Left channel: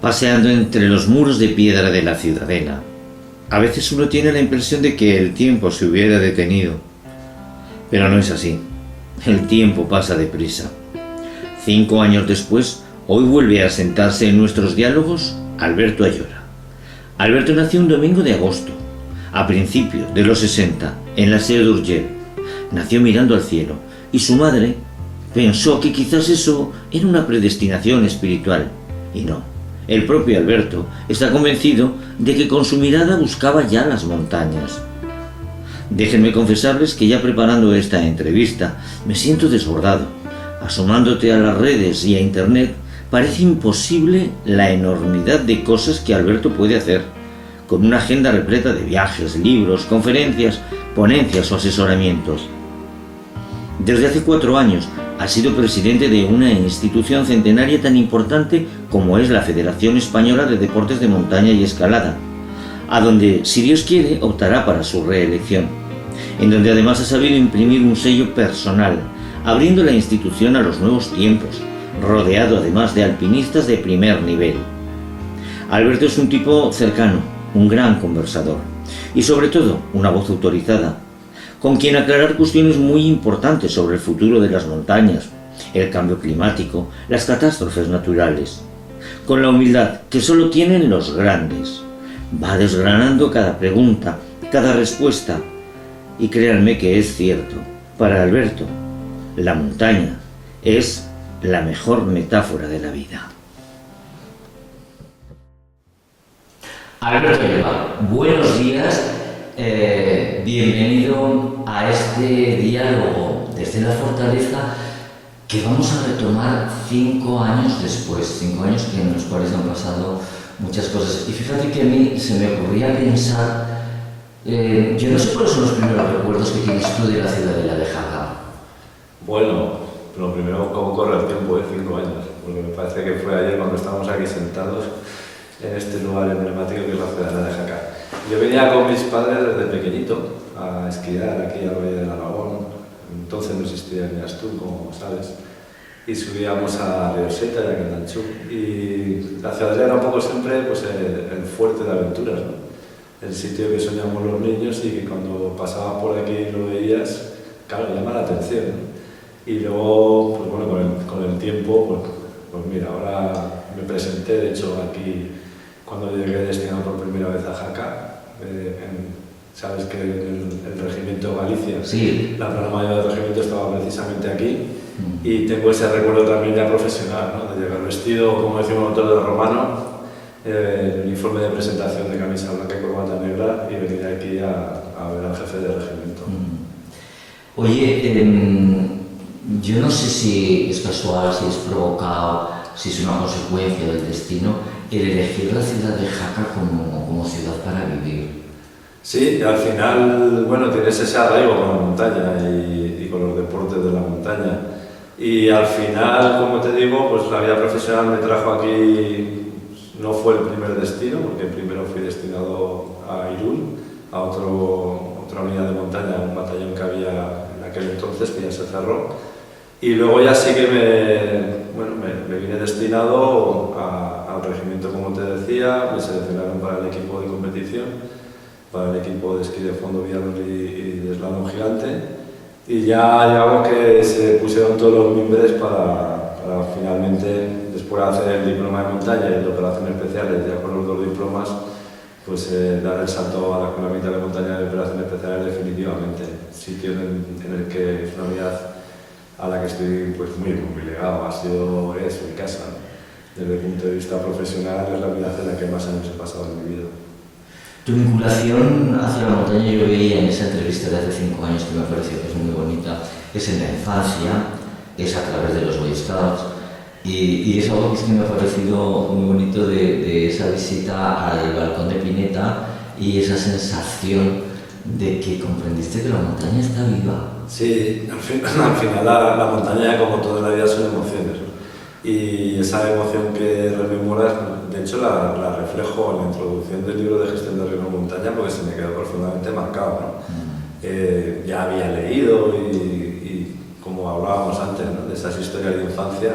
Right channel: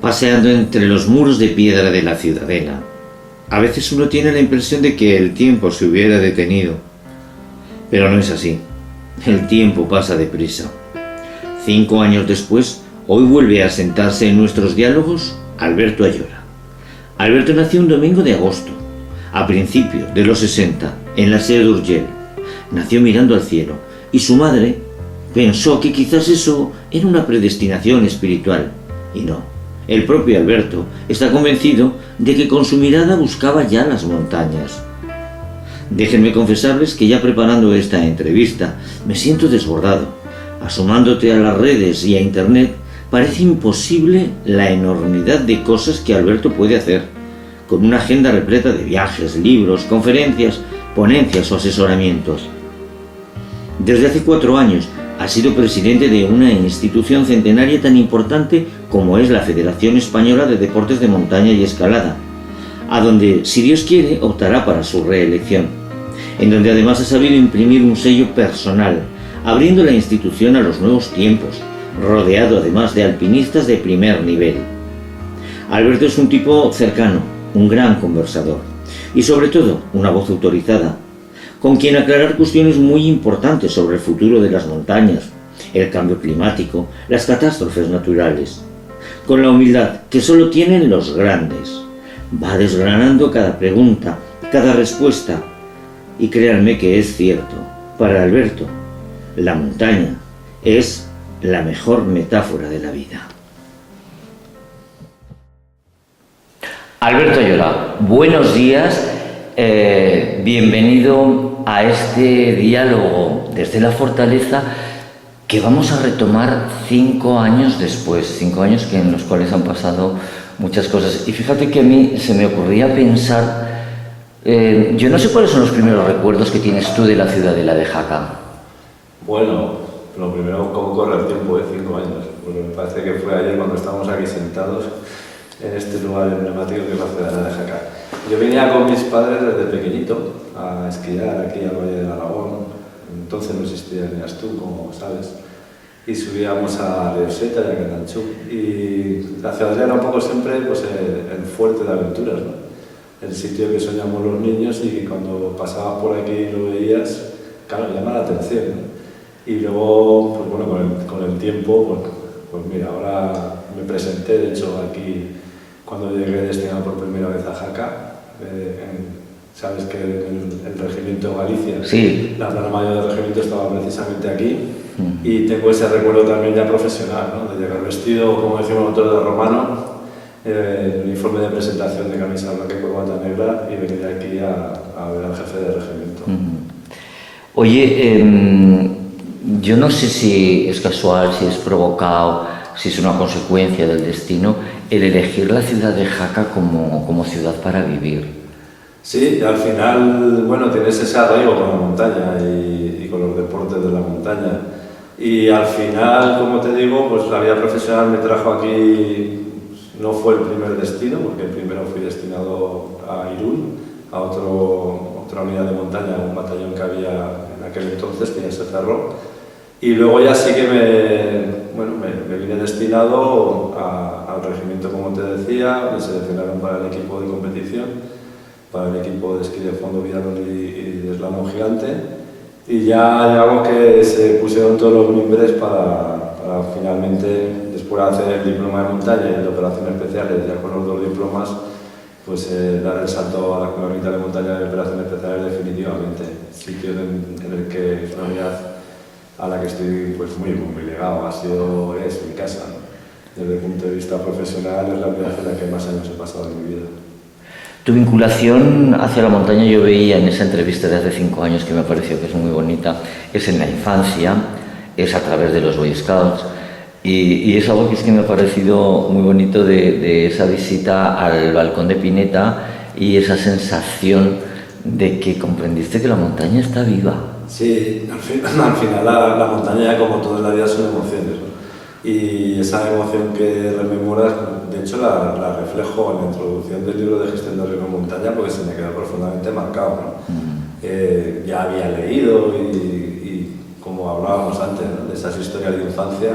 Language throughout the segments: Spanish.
paseando entre los muros de piedra de la ciudadela. A veces uno tiene la impresión de que el tiempo se hubiera detenido, pero no es así. El tiempo pasa deprisa. 5 años después, hoy vuelve a sentarse en nuestros diálogos Alberto Ayora. Alberto nació un domingo de agosto, a principios de los 60, en la Seu d'Urgell. Nació mirando al cielo, y su madre pensó que quizás eso era una predestinación espiritual, y no. El propio Alberto está convencido de que con su mirada buscaba ya las montañas. Déjenme confesarles que ya preparando esta entrevista me siento desbordado. Asomándote a las redes y a internet, parece imposible la enormidad de cosas que Alberto puede hacer, con una agenda repleta de viajes, libros, conferencias, ponencias o asesoramientos. Desde hace 4 años ha sido presidente de una institución centenaria tan importante como es la Federación Española de Deportes de Montaña y Escalada, a donde, si Dios quiere, optará para su reelección, en donde además ha sabido imprimir un sello personal, abriendo la institución a los nuevos tiempos, rodeado además de alpinistas de primer nivel. Alberto es un tipo cercano, un gran conversador y sobre todo una voz autorizada, con quien aclarar cuestiones muy importantes sobre el futuro de las montañas, el cambio climático, las catástrofes naturales, con la humildad que solo tienen los grandes. Va desgranando cada pregunta, cada respuesta, y créanme que es cierto. Para Alberto, la montaña es la mejor metáfora de la vida. Alberto Ayora, buenos días. Bienvenido a este diálogo desde la fortaleza que vamos a retomar 5 años después, 5 años en los cuales han pasado muchas cosas. Y fíjate que a mí se me ocurría pensar, yo no sé cuáles son los primeros recuerdos que tienes tú de la ciudadela de Jaca. Bueno, lo primero, cómo corre el tiempo, 5 años, porque me parece que fue ayer cuando estábamos aquí sentados en este lugar emblemático que es la ciudadela de Jaca. Yo venía con mis padres desde pequeñito a esquiar aquí al Valle del Aragón. Entonces no existía ni Astún, como sabes, y subíamos a Rioseta y a Candanchú. Y la ciudadela era un poco siempre pues, el fuerte de aventuras, ¿no? El sitio que soñamos los niños y que cuando pasabas por aquí y lo veías, claro, llama la atención, ¿no? Y luego, pues bueno, con el tiempo, pues mira, ahora me presenté, de hecho, aquí cuando llegué destinado por primera vez a Jaca. Sabes que el regimiento Galicia, sí, la plana mayor del regimiento estaba precisamente aquí, y tengo ese recuerdo también ya profesional, ¿no? De llegar vestido, como decimos nosotros, de romano, el uniforme de presentación de camisa blanca y corbata negra, y venir aquí a ver al jefe del regimiento. Oye, yo no sé si es casual, si es provocado, si es una consecuencia del destino, el elegir la ciudad de Jaca como ciudad para vivir. Sí, al final, bueno, tienes ese arraigo con la montaña y con los deportes de la montaña. Y al final, como te digo, pues la vida profesional me trajo aquí, no fue el primer destino, porque primero fui destinado a Irún, a otra unidad de montaña, un batallón que había en aquel entonces, que ya se cerró. Y luego ya sí que me vine destinado al regimiento, como te decía, me seleccionaron para el equipo de competición, para el equipo de esquí de fondo, biatlón y de slalom gigante, y ya digamos que se pusieron todos los mimbres para finalmente, después de hacer el diploma de montaña y el de operaciones especiales, ya con los 2 diplomas, pues dar el salto a la Escuela Militar de Montaña de Operaciones Especiales definitivamente, sitio en el que es una unidad a la que estoy pues muy ligado, es mi casa, ¿no? Desde el punto de vista profesional es la unidad en la que más años he pasado en mi vida. Tu vinculación hacia la montaña, yo veía en esa entrevista de hace 5 años, que me pareció que es muy bonita, es en la infancia, es a través de los Boy Scouts, y es algo que es que me ha parecido muy bonito de esa visita al balcón de Pineta y esa sensación de que comprendiste que la montaña está viva. Sí, al final la montaña, como toda la vida, son emociones, ¿no? Y esa emoción que rememoras, de hecho la reflejo en la introducción del libro de gestión de riesgo en montaña, porque se me quedó profundamente marcado, ¿no? Ya había leído y como hablábamos antes, ¿no? De esas historias de infancia,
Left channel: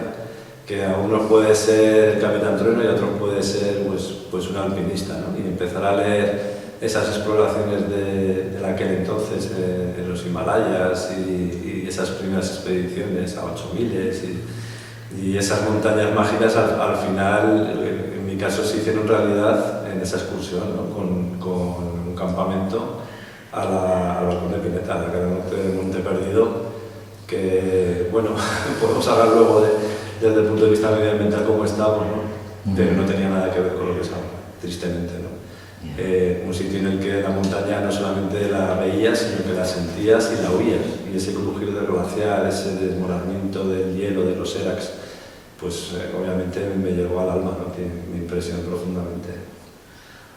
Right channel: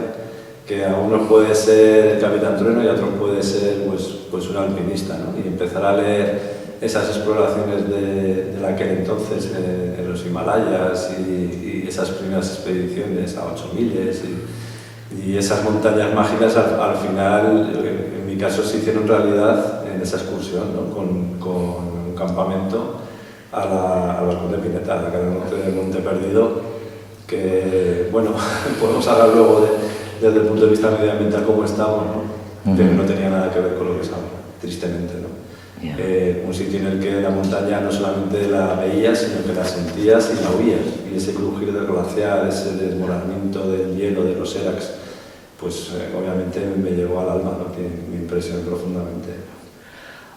que a unos puede ser el Capitán Trueno y a otros puede ser pues un alpinista, ¿no? Y empezar a leer esas exploraciones de aquel entonces en los Himalayas y esas primeras expediciones a 8000 y esas montañas mágicas al final, en mi caso, se hicieron realidad en esa excursión, ¿no? con un campamento al balcón de Pineta, la cara de Monte Perdido, que, bueno, podemos hablar luego desde el punto de vista medioambiental cómo estamos, ¿no? Pero no tenía nada que ver con lo que es ahora, tristemente, ¿no? Un sitio en el que la montaña no solamente la veías, sino que la sentías y la oías. Y ese crujir del glaciar, ese desmoronamiento del hielo, de los erax, pues obviamente me llegó al alma, ¿no? Me impresionó profundamente.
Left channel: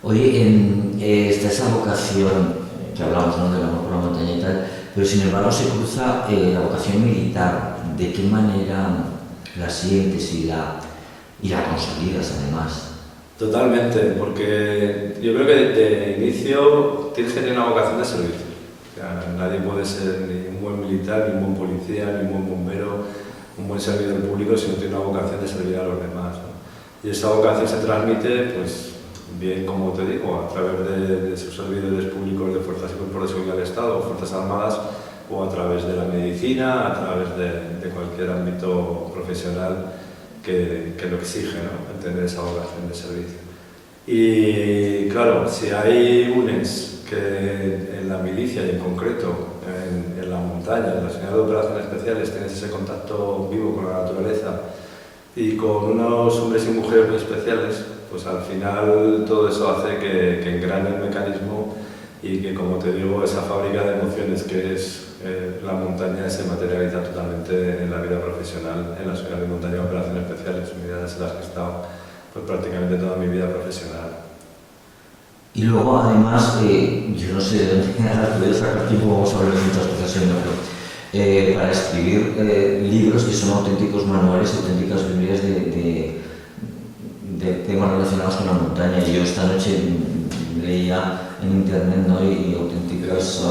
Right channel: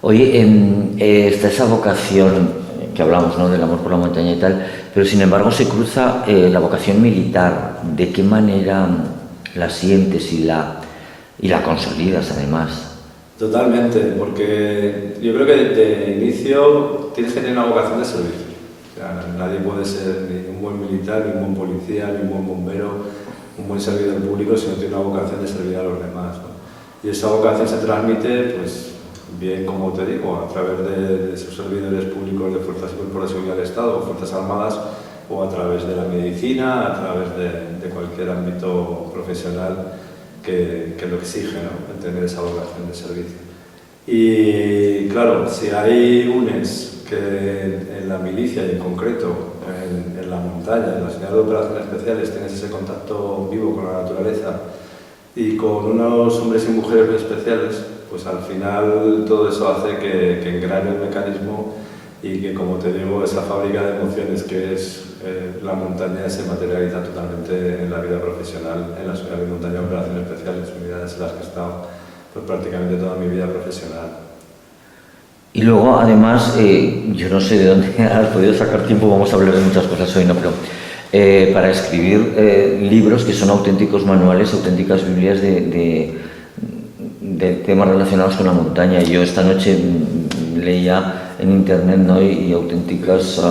Oye, está esa vocación que hablamos, ¿no?, del amor por la montaña y tal, pero sin embargo se cruza la vocación militar. ¿De qué manera la sientes y la consolidas además? Totalmente, porque yo creo que de inicio tienes que tener una vocación de servicio. O sea, nadie puede ser ni un buen militar, ni un buen policía, ni un buen bombero, un buen servidor público si no tiene una vocación de servir a los demás, ¿no? Y esa vocación se transmite, pues, bien, como te digo, a través de sus servidores públicos de Fuerzas y Cuerpos de Seguridad del Estado o Fuerzas Armadas, o a través de la medicina, a través de cualquier ámbito profesional que lo exige, ¿no? El tener esa vocación de servicio. Y claro, si hay UNES que en la milicia y en concreto en la montaña, en las unidades de operaciones especiales, tienes ese contacto vivo con la naturaleza y con unos hombres y mujeres muy especiales, pues al final todo eso hace que engrane el mecanismo y que, como te digo, esa fábrica de emociones que es la montaña se materializa totalmente en la vida profesional, en las unidades de montaña de operaciones especiales, unidades en las que he estado pues, prácticamente toda mi vida profesional. Y luego, además, yo no sé de dónde has podido sacar tiempo, vamos a hablar de muchas cosas hoy, ¿no? Pero para escribir libros que son auténticos manuales, auténticas Biblias de temas relacionados con la montaña. Yo esta noche leía en internet, ¿no?, y auténticas...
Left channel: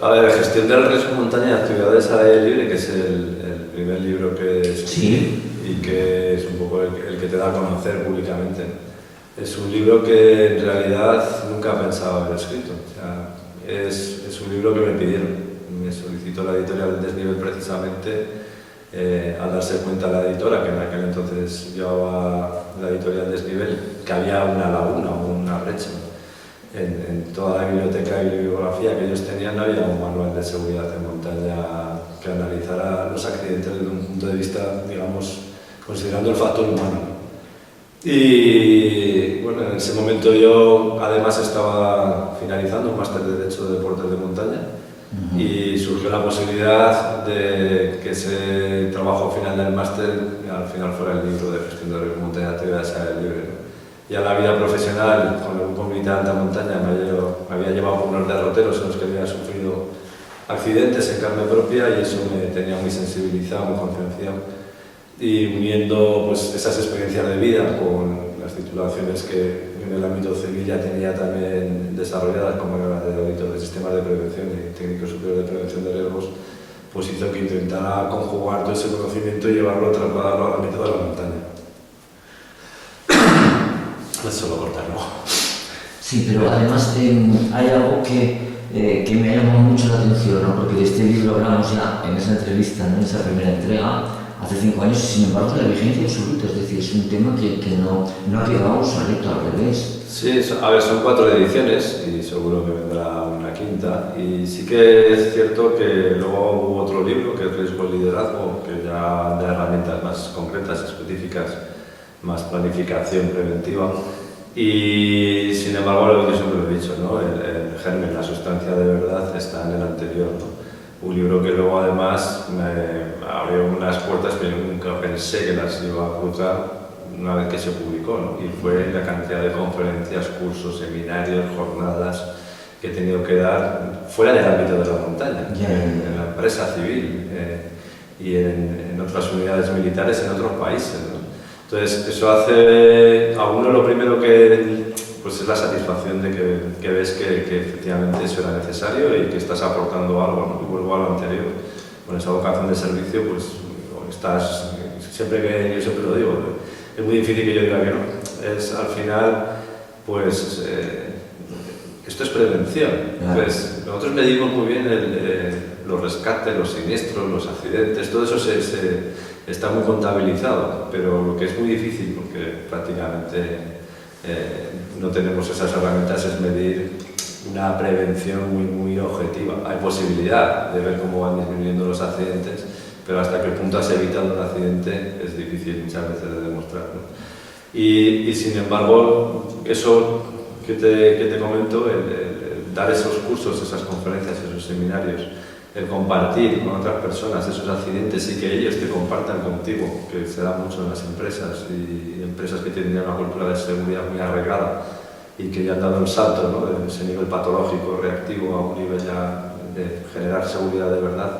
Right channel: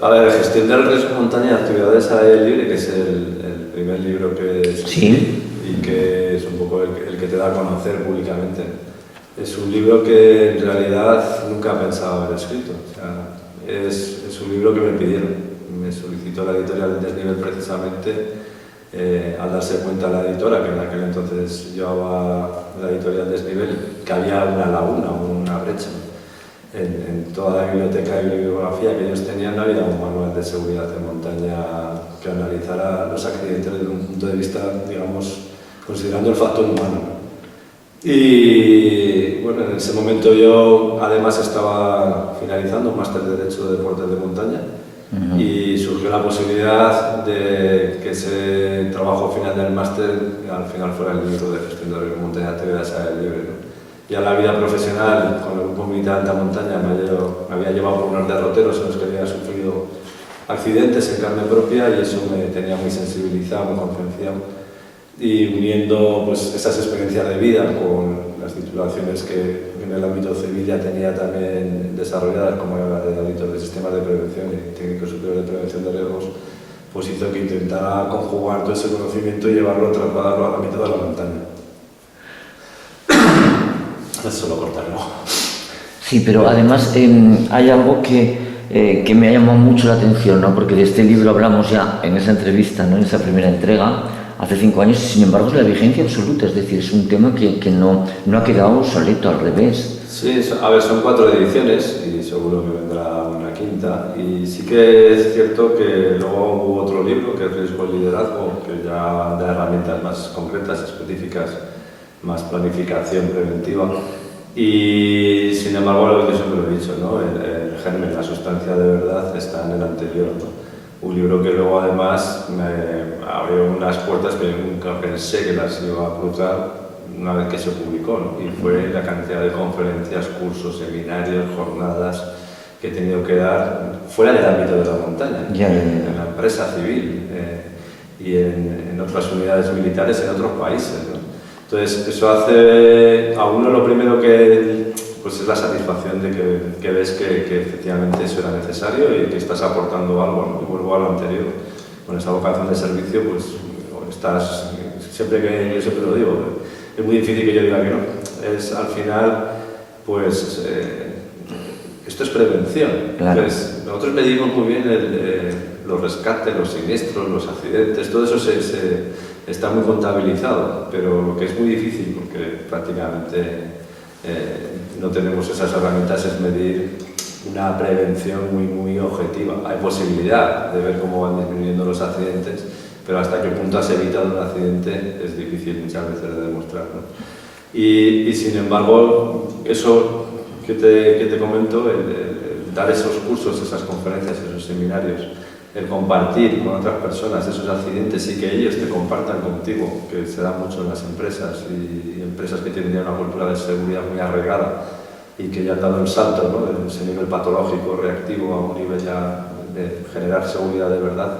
A ver, Gestión del riesgo montaña y actividades al aire libre, que es el primer libro que escribí, ¿sí? Y que es un poco el que te da a conocer públicamente. Es un libro que en realidad nunca pensaba haber escrito. O sea, es un libro que me pidieron. Me solicitó la editorial Desnivel precisamente, al darse cuenta la editora, que en aquel entonces llevaba la editorial Desnivel, que había una laguna o una brecha en toda la biblioteca y bibliografía que ellos tenían. No había un manual de seguridad en montaña que analizara los accidentes desde un punto de vista, digamos, considerando el factor humano. Y bueno, en ese momento yo además estaba finalizando un máster de Derecho de Deportes de Montaña y surgió la posibilidad de que ese trabajo final del máster al final fuera el libro de Gestión de riesgo montaña y actividades al aire libre, ¿no? Ya la vida profesional con el grupo militar de alta montaña me había llevado por unos derroteros en los que había sufrido accidentes en carne propia y eso me tenía muy sensibilizado, muy concienciado. Y uniendo pues, esas experiencias de vida con las titulaciones que en el ámbito civil ya tenía también desarrolladas, como era la de auditor de sistemas de prevención y técnico superior de prevención de riesgos, pues hizo que intentara conjugar todo ese conocimiento y llevarlo, trasladarlo al ámbito de la montaña. Eso lo cortarlo. Sí, pero además hay algo que me ha llamado mucho la atención, ¿no? Porque de este libro hablamos ya en esa entrevista, ¿no?, en esa primera entrega, hace 5 años, y sin embargo es la vigencia absoluta, es decir, es un tema que no ha quedado obsoleto, al revés. Sí, a ver, son 4 ediciones y seguro que vendrá una quinta. Y sí que es cierto que luego hubo otro libro, que es Riesgo y Liderazgo, que ya da herramientas más concretas, específicas, más planificación preventiva. Y sin embargo, lo que yo siempre lo he dicho, ¿no?, el germen, la sustancia de verdad está en el anterior, ¿no? Un libro que luego además me abrió unas puertas que yo nunca pensé que las iba a cruzar una vez que se publicó, ¿no? Y fue la cantidad de conferencias, cursos, seminarios, jornadas que he tenido que dar fuera del ámbito de la montaña, en la empresa civil y en otras unidades militares en otros países, ¿no? Entonces, eso hace a uno lo primero que pues es la satisfacción de que ves que efectivamente eso era necesario y que estás aportando algo, ¿no? Y vuelvo a lo anterior, con esa vocación de servicio, pues estás, yo siempre lo digo, es muy difícil que yo diga que no. Es al final, pues, esto es prevención. Claro. Pues, nosotros medimos muy bien los rescates, los siniestros, los accidentes, todo eso está muy contabilizado, pero lo que es muy difícil, porque prácticamente no tenemos esas herramientas, es medir una prevención muy objetiva. Hay posibilidad de ver cómo van disminuyendo los accidentes, pero hasta qué punto has evitado un accidente es difícil muchas veces de demostrar, ¿no? Y sin embargo, eso que te comento, el dar esos cursos, esas conferencias, esos seminarios, el compartir con otras personas esos accidentes y que ellos te compartan contigo, que se da mucho en las empresas y empresas que tienen ya una cultura de seguridad muy arraigada y que ya han dado el salto, ¿no?, de ese nivel patológico, reactivo, a un nivel ya de generar seguridad de verdad.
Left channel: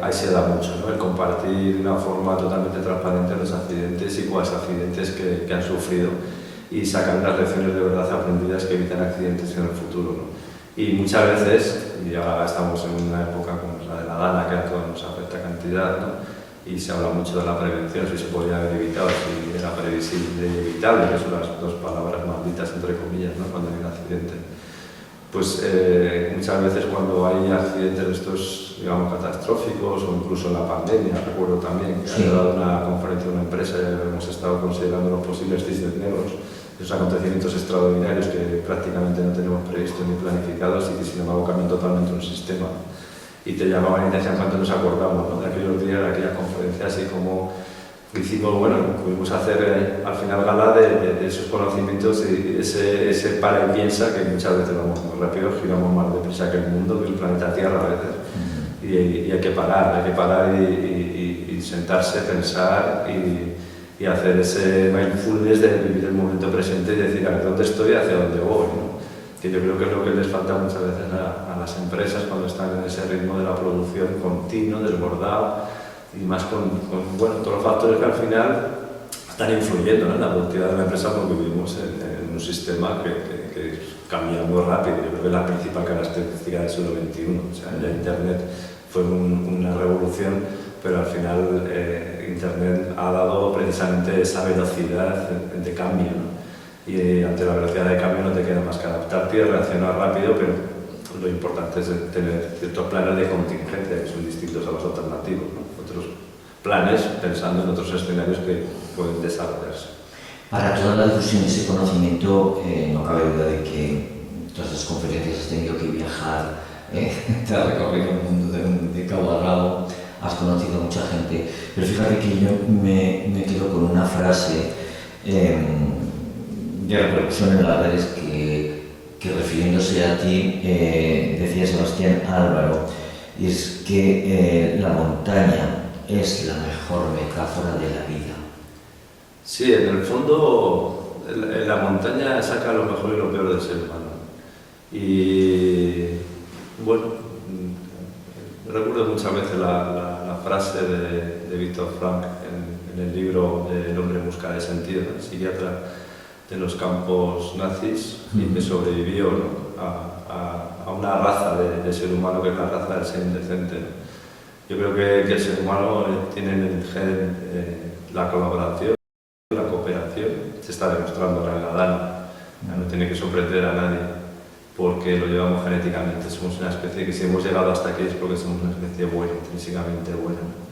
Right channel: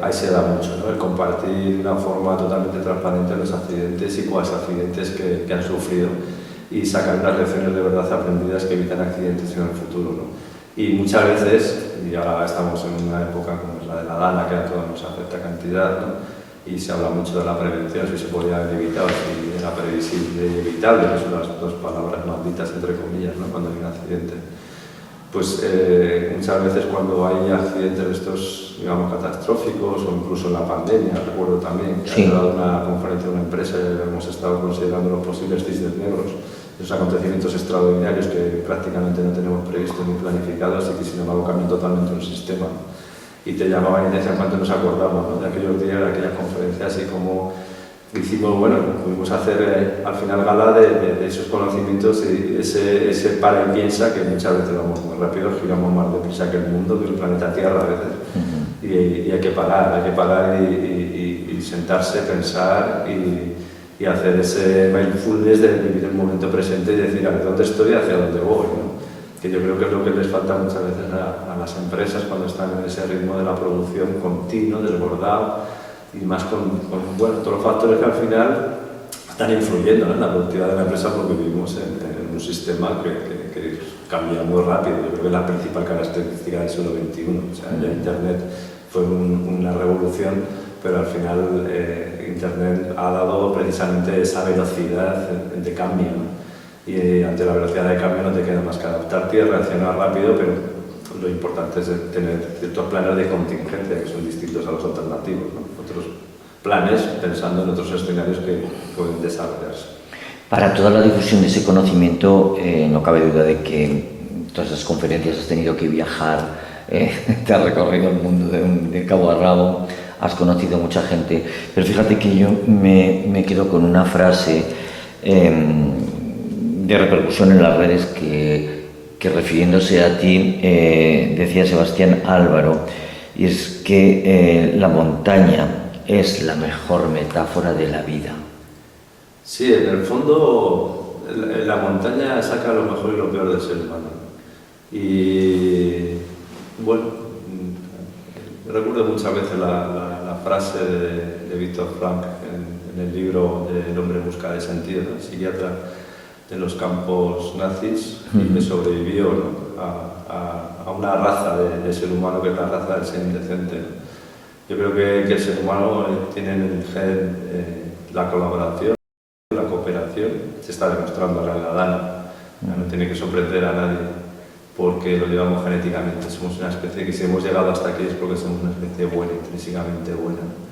Ahí se da mucho, ¿no?, el compartir de una forma totalmente transparente los accidentes y cuáles accidentes que han sufrido y sacar unas lecciones de verdad aprendidas que evitan accidentes en el futuro, ¿no? Y muchas veces, y ahora estamos en una época como es la de la Dana, que a todos nos afecta cantidad, ¿no?, y se habla mucho de la prevención, si se podía haber evitado, si era previsible y evitable, que son las dos palabras malditas, entre comillas, ¿no?, cuando hay un accidente. Pues muchas veces cuando hay accidentes de estos, digamos, catastróficos o incluso en la pandemia, recuerdo también que sí, ha dado una conferencia en una empresa y hemos estado considerando los posibles cisnes negros, esos acontecimientos extraordinarios que prácticamente no tenemos previstos ni planificados y que sin embargo cambian totalmente un sistema. Y te llamaban y te decían cuánto nos acordamos, ¿no?, de aquellos días, de aquellas conferencias, y como hicimos, bueno, pudimos hacer al final gala de esos conocimientos y ese para y piensa, que muchas veces vamos muy rápido, giramos más deprisa que el mundo, que el planeta Tierra a veces. Y hay que parar y sentarse, pensar y hacer ese mindfulness de vivir el momento presente y decir, a ver, ¿dónde estoy y hacia dónde voy?, ¿no? Que yo creo que es lo que les falta muchas veces a las empresas cuando están en ese ritmo de la producción continuo, desbordado, y más bueno, todos los factores que al final están influyendo, ¿no?, en la productividad de la empresa, porque vivimos en un sistema que cambia muy rápido. Yo creo que es la principal característica del siglo XXI. O sea, ya Internet fue una revolución, pero al final Internet ha dado precisamente esa velocidad de cambio, ¿no? Y ante la velocidad de cambio no te queda más que adaptarte y reaccionar rápido, pero lo importante es tener ciertos planes de contingencia que son distintos a los alternativos, ¿no? Otros planes pensando en otros escenarios que pueden desarrollarse. Para toda la difusión de ese conocimiento, no cabe duda de que todas las conferencias has tenido que viajar, te has recorrido el mundo de cabo a rabo, has conocido mucha gente, pero fíjate que yo me quedo con una frase de repercusión en las redes que refiriéndose a ti decía Sebastián Álvaro, y es que la montaña es la mejor metáfora de la vida. Sí, en el fondo la montaña saca lo mejor y lo peor del ser humano. Y bueno, recuerdo muchas veces la frase de Viktor Frankl en el libro de El hombre en busca de sentido, ¿no?, el psiquiatra de los campos nazis, y que sobrevivió, ¿no?, a una raza de ser humano que es la raza del ser indecente, ¿no? Yo creo que el ser humano tiene en el gen la colaboración, la cooperación. Se está demostrando ahora en la Dana, no tiene que sorprender a nadie porque lo llevamos genéticamente. Somos una especie que, si hemos llegado hasta aquí, es porque somos una especie buena, intrínsecamente buena, ¿no?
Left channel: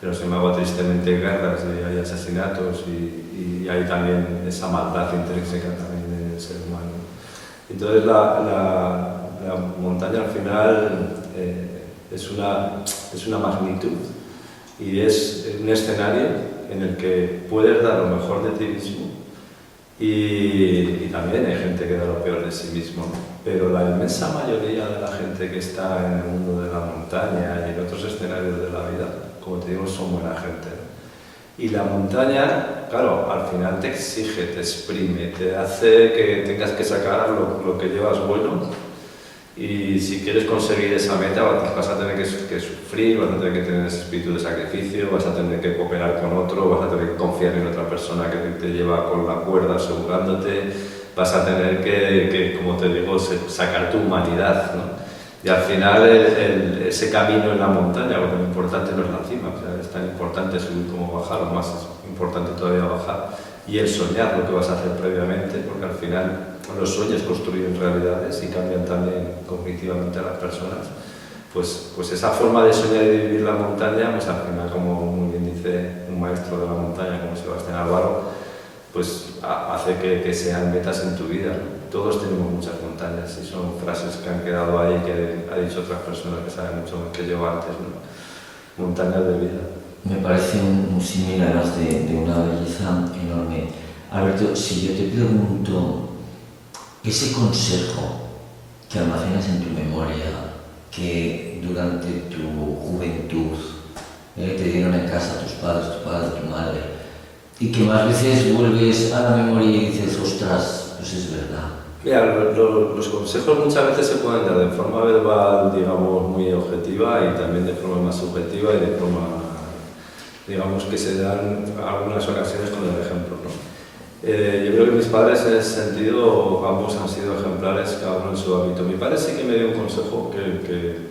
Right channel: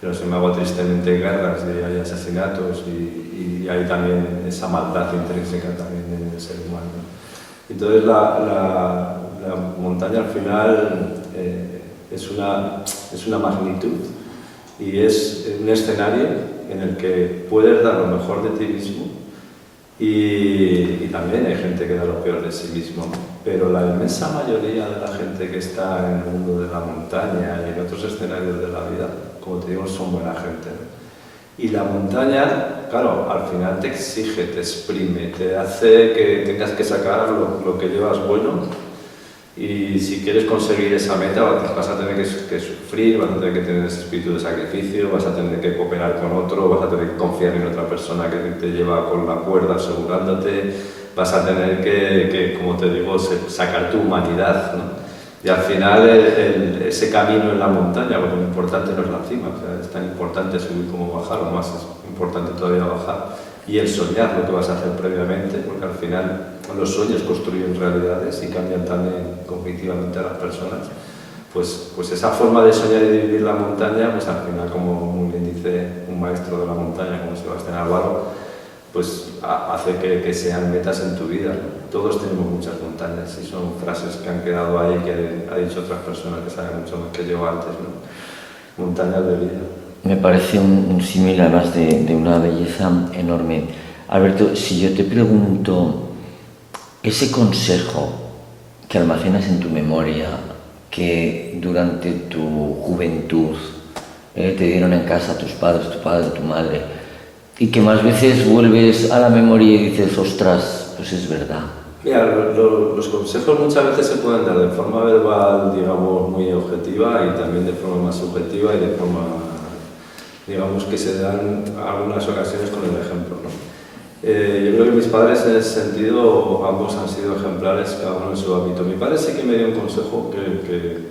Pero sin embargo, tristemente, guerras, y hay asesinatos y hay también esa maldad intrínseca también en el ser humano. Entonces la montaña al final es una magnitud y es un escenario en el que puedes dar lo mejor de ti mismo y también hay gente que da lo peor de sí mismo, ¿no? Pero la inmensa mayoría de la gente que está en el mundo de la montaña y en otros escenarios de la vida, como te digo, son buena gente, ¿no? Y la montaña, claro, al final te exige, te exprime, te hace que tengas que sacar lo que llevas bueno, y si quieres conseguir esa meta vas a tener que sufrir, vas a tener que tener ese espíritu de sacrificio, vas a tener que cooperar con otro, vas a tener que confiar en otra persona que te lleva con la cuerda asegurándote, vas a tener que como te digo, sacar tu humanidad, ¿no? Y al final ese camino en la montaña, porque lo importante no es la cima, o sea, es tan importante subir como bajar, o más es importante todavía bajar, y el soñar lo que vas a hacer previamente, porque al final los sueños construyen realidades y cambian también cognitivamente a las personas. Pues esa forma de soñar y de vivir la montaña, pues al final, como muy bien dice un maestro de la montaña como Sebastián Álvaro, pues hace que sean metas en tu vida, ¿no? Todos tenemos muchas montañas y son frases que han quedado ahí, que ha dicho otras personas que saben mucho más que yo antes, ¿no? Montañas de vida. Me parece un símil además de una belleza enorme. Alberto, si yo te pregunto, ese consejo que almacenas en tu memoria, que durante tu juventud te dieron en casa tus padres, tu padre, tu madre, y que más veces vuelves a la memoria y dices, ostras, pues es verdad. Mira, los consejos muchas veces se pueden dar de forma verbal, digamos, muy objetiva, y también de forma más subjetiva y de forma, digamos, que se dan algunas ocasiones con el ejemplo, ¿no? Yo creo que mis padres en ese sentido, ambos han sido ejemplares, cada uno en su ámbito. Mi padre sí que me dio un consejo que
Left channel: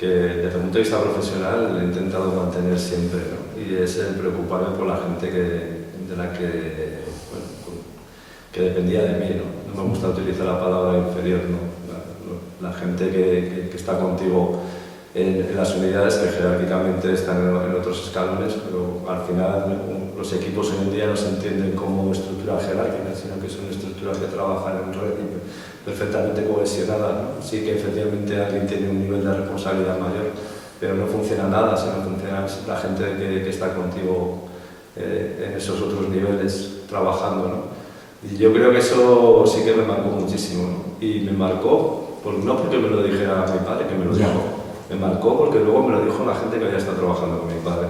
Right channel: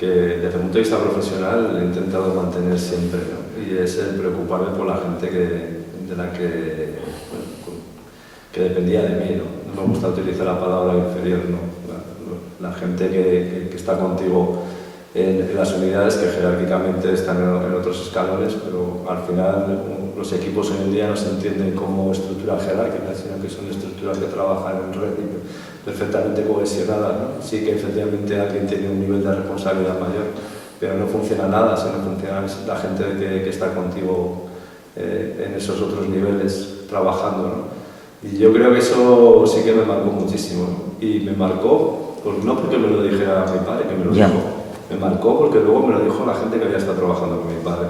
desde el punto de vista profesional he intentado mantener siempre, ¿no? Y es el preocuparme por la gente de la que, bueno, que dependía de mí, ¿no? No me gusta utilizar la palabra inferior, ¿no? La gente que está contigo en las unidades, que jerárquicamente están en otros escalones, pero al final los equipos hoy en día no se entienden como estructuras jerárquicas, sino que son estructuras que trabajan en red y perfectamente cohesionadas, ¿no? Sí que efectivamente alguien tiene un nivel de responsabilidad mayor, pero no funciona nada si no funciona la gente que está contigo en esos otros niveles trabajando, ¿no? Y yo creo que eso sí que me marcó muchísimo, ¿no? Y me marcó, no porque me lo dijera mi padre, que me lo dijo, me marcó porque luego me lo dijo la gente que había estado trabajando con mi padre.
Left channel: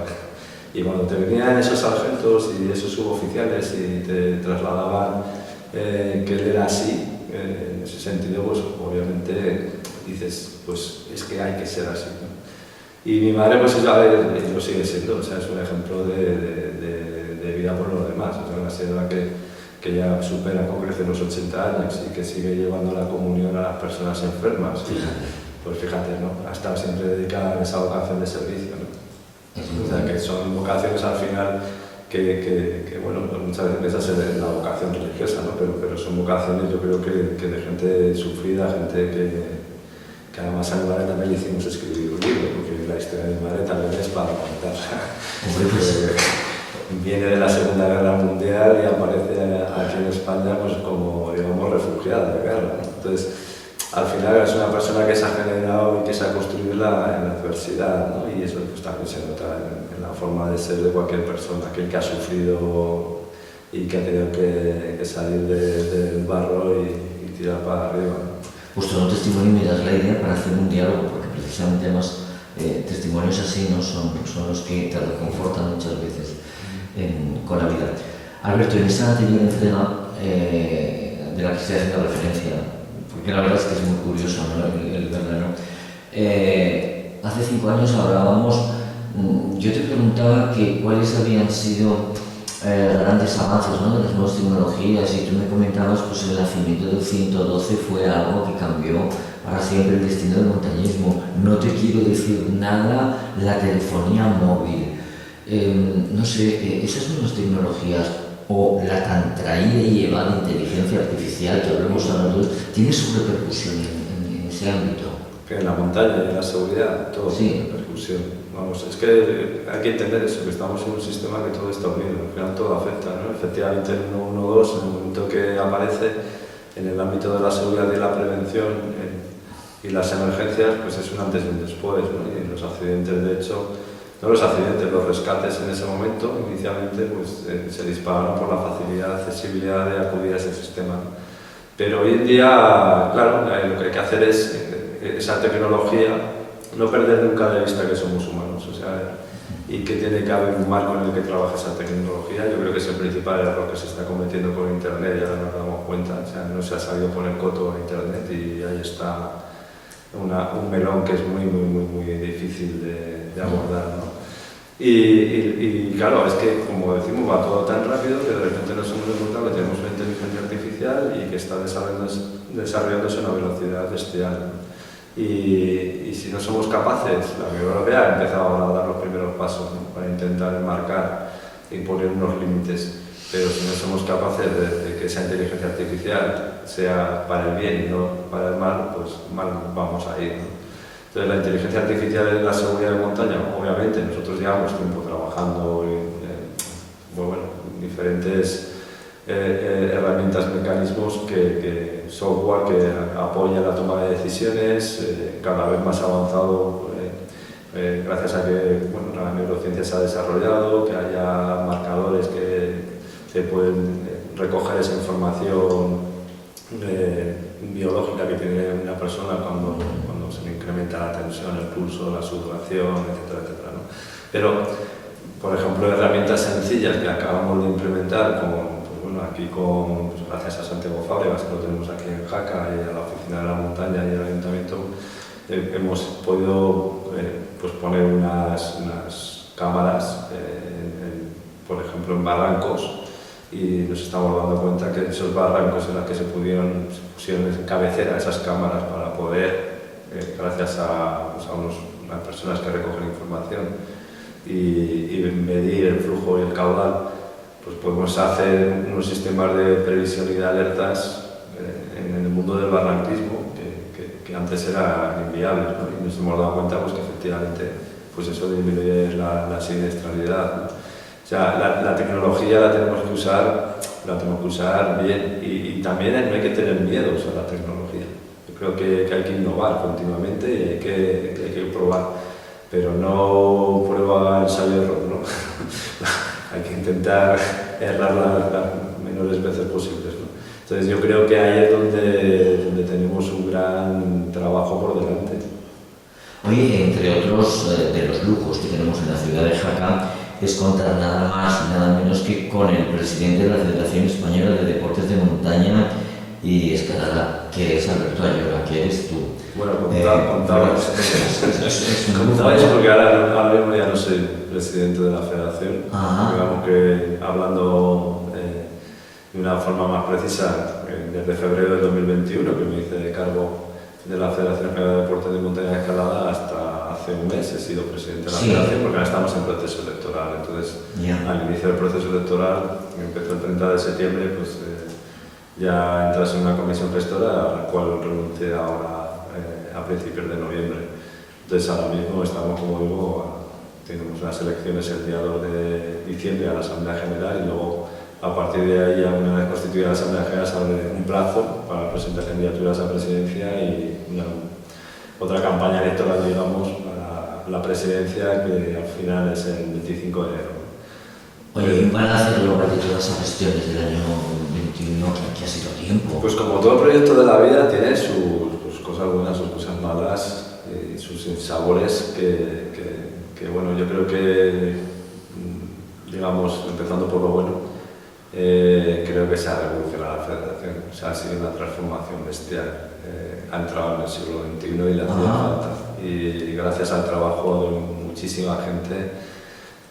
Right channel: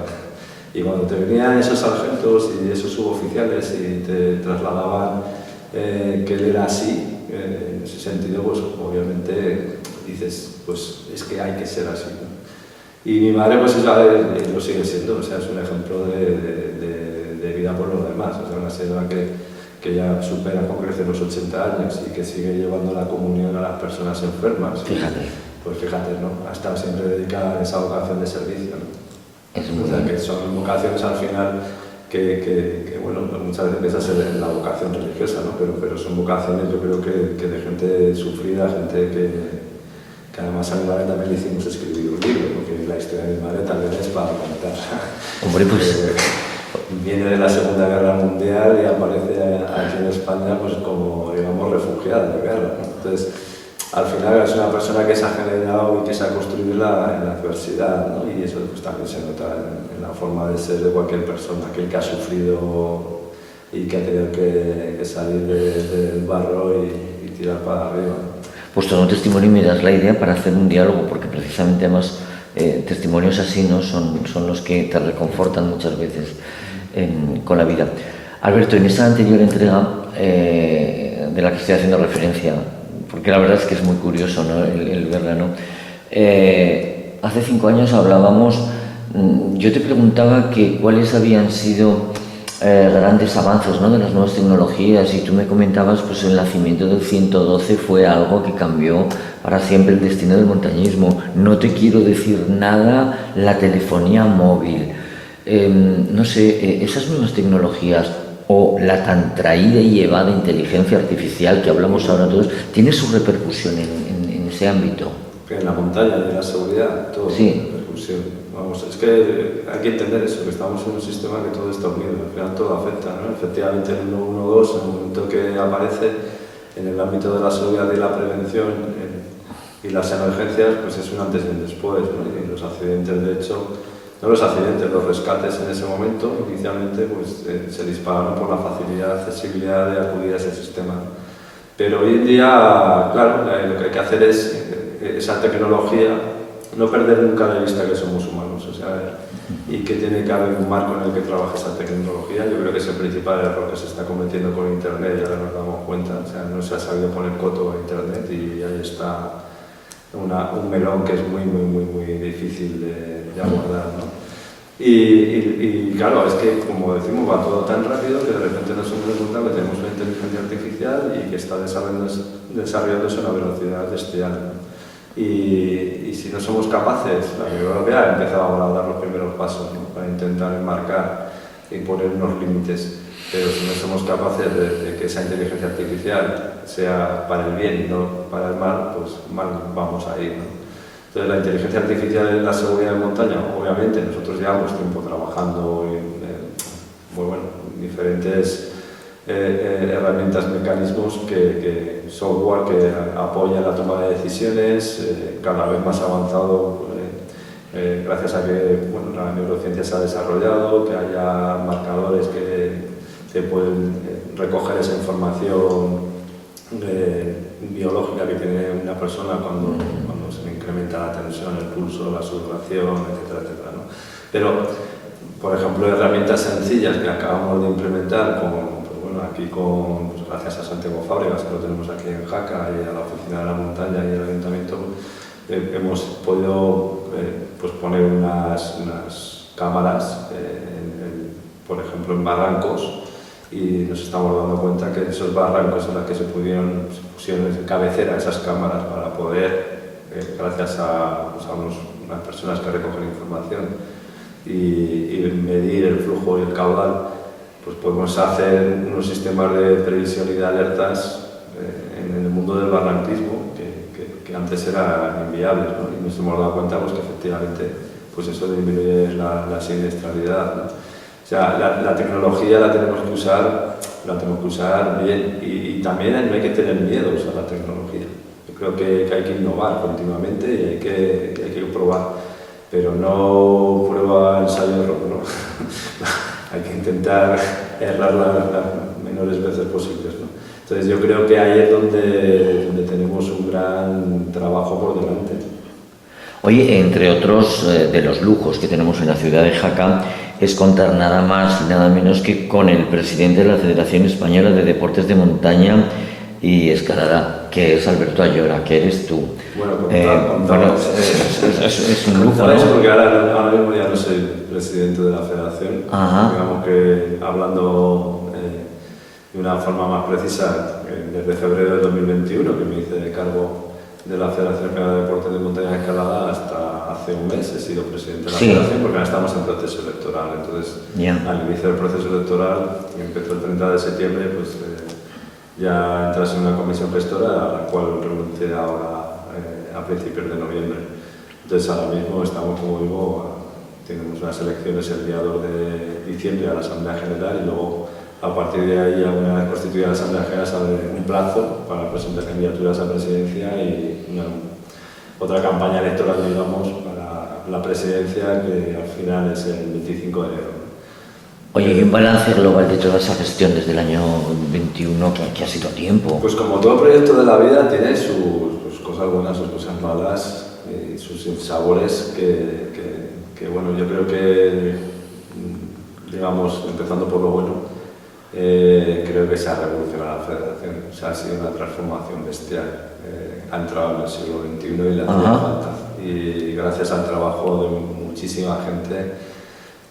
Y cuando te venían esos sargentos y esos suboficiales y te trasladaban que él era así, en ese sentido, pues obviamente dices, pues es que hay que ser así, ¿no? Y mi madre, pues ya lo sigue siendo, o sea, es un ejemplo de vida por lo demás, o sea, una señora que ya supera con creces los 80 años y que sigue llevando la comunión a las personas enfermas. Fíjate. Pues fíjate, ¿no? Ha estado siempre dedicada a esa vocación de servicio, ¿no? O sea, que son vocaciones al final que bueno, muchas veces piensas en la vocación religiosa, ¿no? Pero son vocaciones, yo creo que de gente sufrida, gente que además a mi madre también le hicimos escribir un libro, porque la historia de mi madre también es para contar. Hombre, pues... Viene de la Segunda Guerra Mundial y aparece aquí en España pues como, digamos, refugiada de guerra, ¿no? Entonces, al final es una persona que se ha generado y que se ha construido en la adversidad, ¿no? Y eso pues también se nota en la forma de ser de cualquier persona, aquel que ha sufrido y que ha tenido que salir del barro y tirar para arriba, ¿no? Pues todo un testimonio y me das la idea para hacer un diálogo, porque precisamente además testimonios así, ¿no? son los que te reconfortan muchas veces con la vida. Alberto, en esa anterior entrega de la que estoy haciendo referencia, porque la verdad es que es muy curioso, ¿no? el verla, ¿no? Hace 5 años hablábamos, yo te preguntaba que cuáles habían sido grandes avances, ¿no? de las nuevas tecnologías, y tú me comentabas pues el nacimiento del 112 fue algo que cambió para siempre el destino del montañismo. No te quiero decir nada la telefonía móvil, no sé, esas nuevas tecnologías o la tan traída y llevada inteligencia artificial que hablamos ahora todos, ¿tiene su repercusión en ese ámbito? Que en la montaña y en la seguridad, todo tiene repercusión. Vamos, es que hay que entender eso, que estamos en un sistema que todo está unido, al final todo afecta, ¿no? Efectivamente el 112, en el momento que aparece en el ámbito de la seguridad y la prevención y las emergencias, pues es un antes y un después, ¿no? Y los accidentes, de hecho, no los accidentes, los rescates en ese momento, inicialmente, pues se dispararon por la facilidad, accesibilidad de acudir a ese sistema. Pero hoy en día, claro, lo que hay que hacer es esa tecnología, no perder nunca de vista que somos humanos, o sea, y que tiene que haber un marco en el que trabaje esa tecnología. Yo creo que es el principal error que se está cometiendo con Internet, y ahora nos damos cuenta, o sea, no se ha sabido poner coto a Internet y ahí está un melón que es muy difícil de abordar, ¿no? Y claro, es que, como decimos, va todo tan rápido que de repente nos hemos encontrado que tenemos una inteligencia artificial y que está desarrollándose a una velocidad bestial, ¿no? Y si no somos capaces, la Unión Europea ha empezado ahora a dar los primeros pasos, ¿no?, para intentar enmarcar y poner unos límites, pero si no somos capaces de que esa inteligencia artificial sea para el bien y no para el mal, pues mal vamos a ir, ¿no? Entonces la inteligencia artificial en la seguridad de montaña, obviamente nosotros llevamos tiempo trabajando en diferentes herramientas, mecanismos, software que apoya la toma de decisiones, cada vez más avanzado, gracias a que la neurociencia se ha desarrollado, que haya marcadores que te pueden recoger esa información biológica que tiene una persona cuando se le incrementa la tensión, el pulso, la sudoración, etcétera, etcétera, ¿no? Pero, por ejemplo, herramientas sencillas que acabamos de implementar aquí gracias a Santiago Fábregas, que lo tenemos aquí en Jaca, y a la Oficina de la Montaña y al Ayuntamiento, hemos podido poner unas cámaras, por ejemplo, en barrancos, y nos estamos dando cuenta que esos barrancos en los que se pusieron en cabecera esas cámaras para poder, gracias a unas personas que recogen información y medir el flujo y el caudal, pues podemos hacer unos sistemas de previsión y de alertas en el mundo del barranquismo que antes eran inviables, ¿no? Y nos hemos dado cuenta pues, que efectivamente pues eso disminuye la siniestralidad, ¿no? O sea, la tecnología la tenemos que usar bien, y también no hay que tener miedos a la tecnología. Yo creo que hay que innovar continuamente y hay que probar, pero no prueba, ensayo, error, ¿no? Hay que intentar errar las menores veces posibles, ¿no? Entonces yo creo que ahí es donde tenemos un gran trabajo por delante. Oye, entre otros de los lujos que tenemos en la ciudad de Jaca, es contar nada más y nada menos que con el presidente de la Federación Española de Deportes de Montaña y Escalada, que es Alberto Ayora, que eres tú. Bueno, contaba es un contaba lujo, eso ¿no? porque ahora mismo ya no soy presidente de la federación. Ajá. Digamos que hablando de una forma más precisa, desde febrero de 2021, que me hice de cargo de la Federación Española de Deportes de Montaña y Escalada, hasta hace un mes he sido presidente de la federación, porque ahora estamos en proceso electoral. Entonces, al inicio del proceso electoral, que empezó el 30 de septiembre, pues ya entras en una comisión gestora a la cual renuncié ahora a principios de noviembre. Entonces ahora mismo estamos, como digo, tenemos unas elecciones el día 2 de diciembre a la Asamblea General, y luego a partir de ahí, una vez constituida la Asamblea General, se abre un plazo para presentar candidaturas a presidencia y otra campaña electoral, digamos, para la presidencia, que al final es el 25 de enero. Oye, ¿qué balance global de toda esa gestión desde el año 21, que ha sido tiempo? Pues como todo proyecto de la vida tiene sus cosas buenas, sus cosas malas y sus sinsabores que bueno, yo creo que, digamos, empezando por lo bueno, creo que se ha revolucionado la federación. O sea, ha sido una transformación bestial. Ha entrado en el siglo XXI y le hacía falta. Y gracias al trabajo de muchísima gente,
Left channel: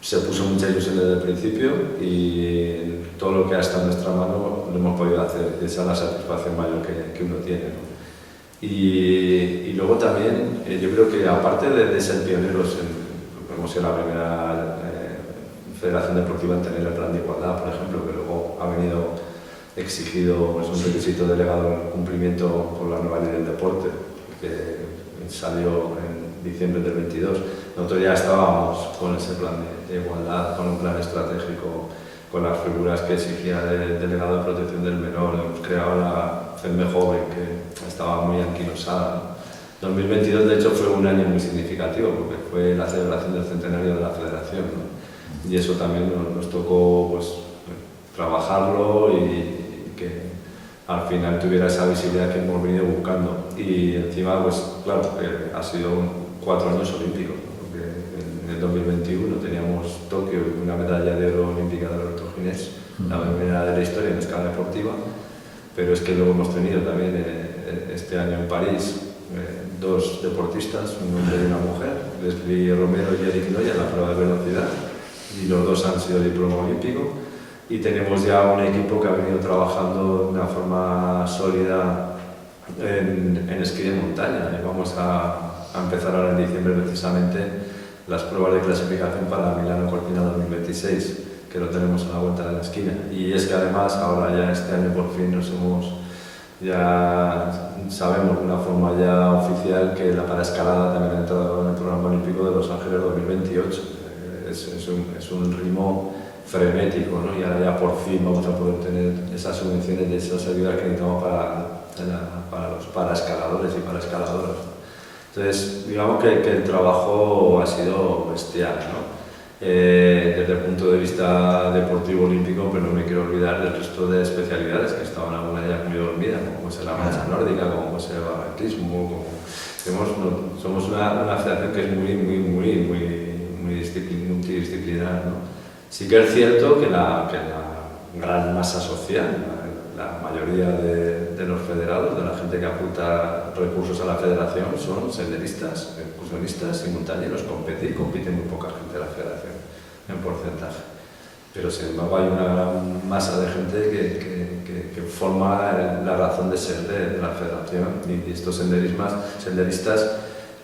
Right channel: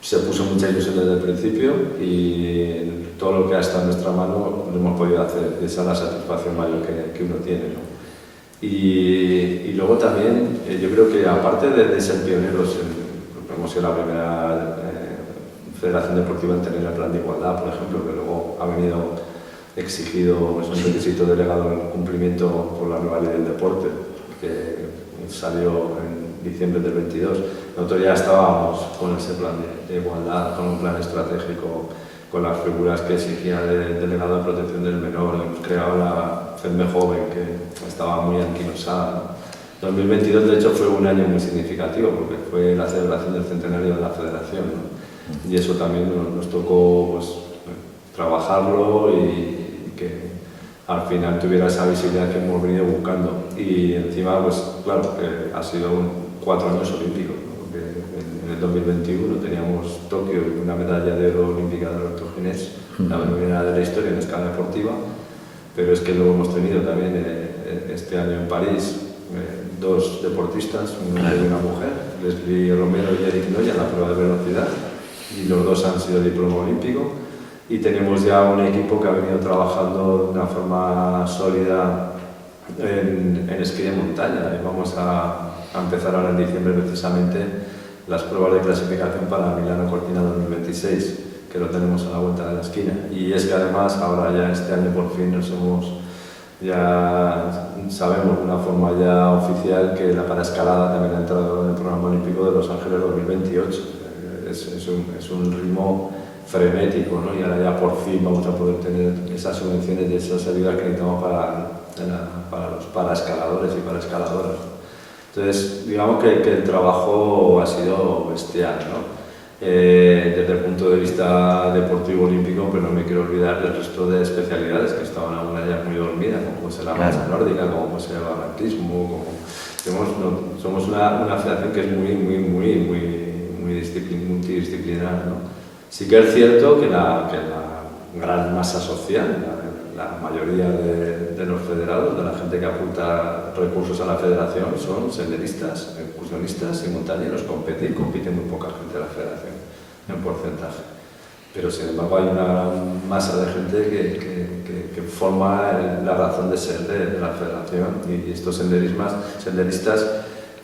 se puso mucha ilusión desde el principio, y todo lo que ha estado en nuestra mano lo hemos podido hacer. Esa es la satisfacción mayor que uno tiene, ¿no? Y luego también, yo creo que aparte de ser pioneros, hemos sido la primera federación deportiva en tener el plan de igualdad, por ejemplo, que luego ha venido exigido, es un requisito delegado en cumplimiento por la nueva ley del deporte, que salió en diciembre del 22. Nosotros ya estábamos con ese plan de igualdad, con un plan estratégico, con las figuras que exigía el delegado de protección del menor. Hemos creado la FEDME Joven, que estaba muy anquilosada. 2022, de hecho, fue un año muy significativo, porque fue la celebración del centenario de la federación, ¿no? Y eso también nos tocó, pues, trabajarlo y que al final tuviera esa visibilidad que hemos venido buscando. Y encima, pues claro, ha sido 4 años olímpicos, ¿no? Porque en el 2021 teníamos Tokio y una medalla de oro olímpica de Alberto Ginés, la primera de la historia en escala deportiva, pero es que luego hemos tenido también este año en París 2 deportistas, un hombre y una mujer, Leslie Romero y Eric Noya, en la prueba de velocidad, y los 2 han sido diploma olímpico. Y tenemos ya un equipo que ha venido trabajando de una forma sólida en esquí de montaña. Y vamos a empezar ahora en diciembre precisamente las pruebas de clasificación para Milano Cortina 2026, que lo tenemos a la vuelta de la esquina. Y es que además ahora ya este año por fin ya sabemos de una forma ya oficial que la paraescalada también ha entrado en el programa olímpico de Los Ángeles 2028. Es un ritmo frenético, ¿no? Y ahora ya por fin vamos a poder tener esas subvenciones y esas ayudas que necesitamos para los paraescaladores y paraescaladoras. Entonces, digamos que el trabajo ha sido bestial, ¿no? Desde el punto de vista deportivo olímpico, pero no me quiero olvidar del resto de especialidades que estaban algunas ya muy dormidas, como puede ser la marcha nórdica, como puede ser el barranquismo, somos una federación que es muy multidisciplinar, ¿no? Sí que es cierto que la gran masa social, la mayoría de los federados, de la gente que apunta recursos a la federación, son senderistas, excursionistas y montañeros. Compite muy poca gente de la federación, en porcentaje. Pero sin embargo hay una gran masa de gente que forma la razón de ser de la federación, y estos senderistas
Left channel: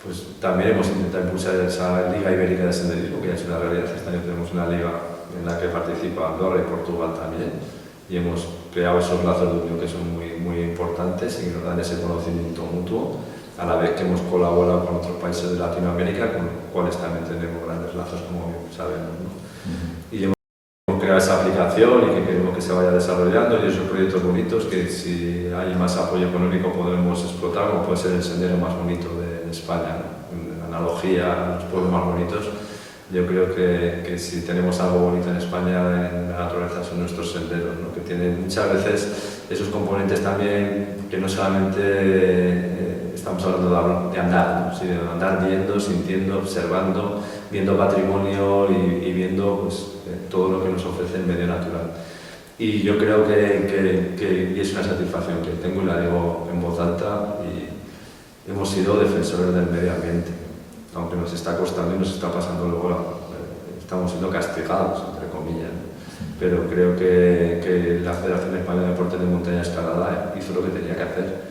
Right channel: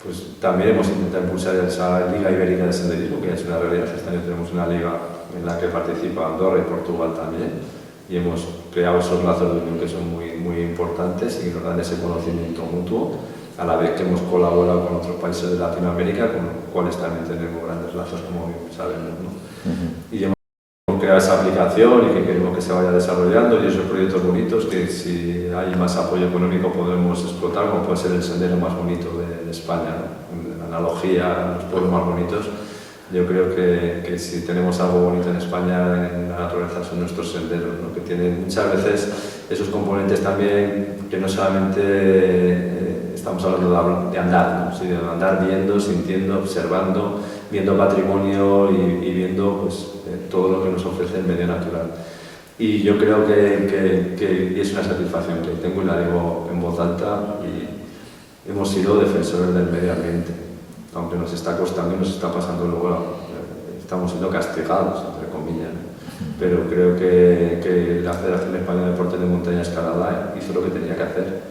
pues también hemos intentado impulsar esa Liga Ibérica de Senderismo, que ya es una realidad. Este año tenemos una liga en la que participa Andorra y Portugal también, y hemos creado esos lazos de unión que son muy importantes y que nos dan ese conocimiento mutuo, a la vez que hemos colaborado con otros países de Latinoamérica, con los cuales también tenemos grandes lazos, como sabemos, ¿no? Y hemos creado esa aplicación y que queremos que se vaya desarrollando, y esos proyectos bonitos que, si hay más apoyo económico, podremos explotar, como puede ser el sendero más bonito de España, ¿no? En analogía a los pueblos más bonitos. Yo creo que si tenemos algo bonito en España, en la naturaleza, son nuestros senderos, ¿no? Que tienen muchas veces esos componentes también, que no solamente estamos hablando de andar, ¿no? Sí, de andar viendo, sintiendo, observando, viendo patrimonio y viendo pues, todo lo que nos ofrece el medio natural. Y yo creo que es una satisfacción que tengo, y la digo en voz alta, y hemos sido defensores del medio ambiente. Aunque nos está costando y nos está pasando luego, estamos siendo castigados, entre comillas. Pero creo que la Federación Española de Deportes de Montaña y Escalada hizo lo que tenía que hacer.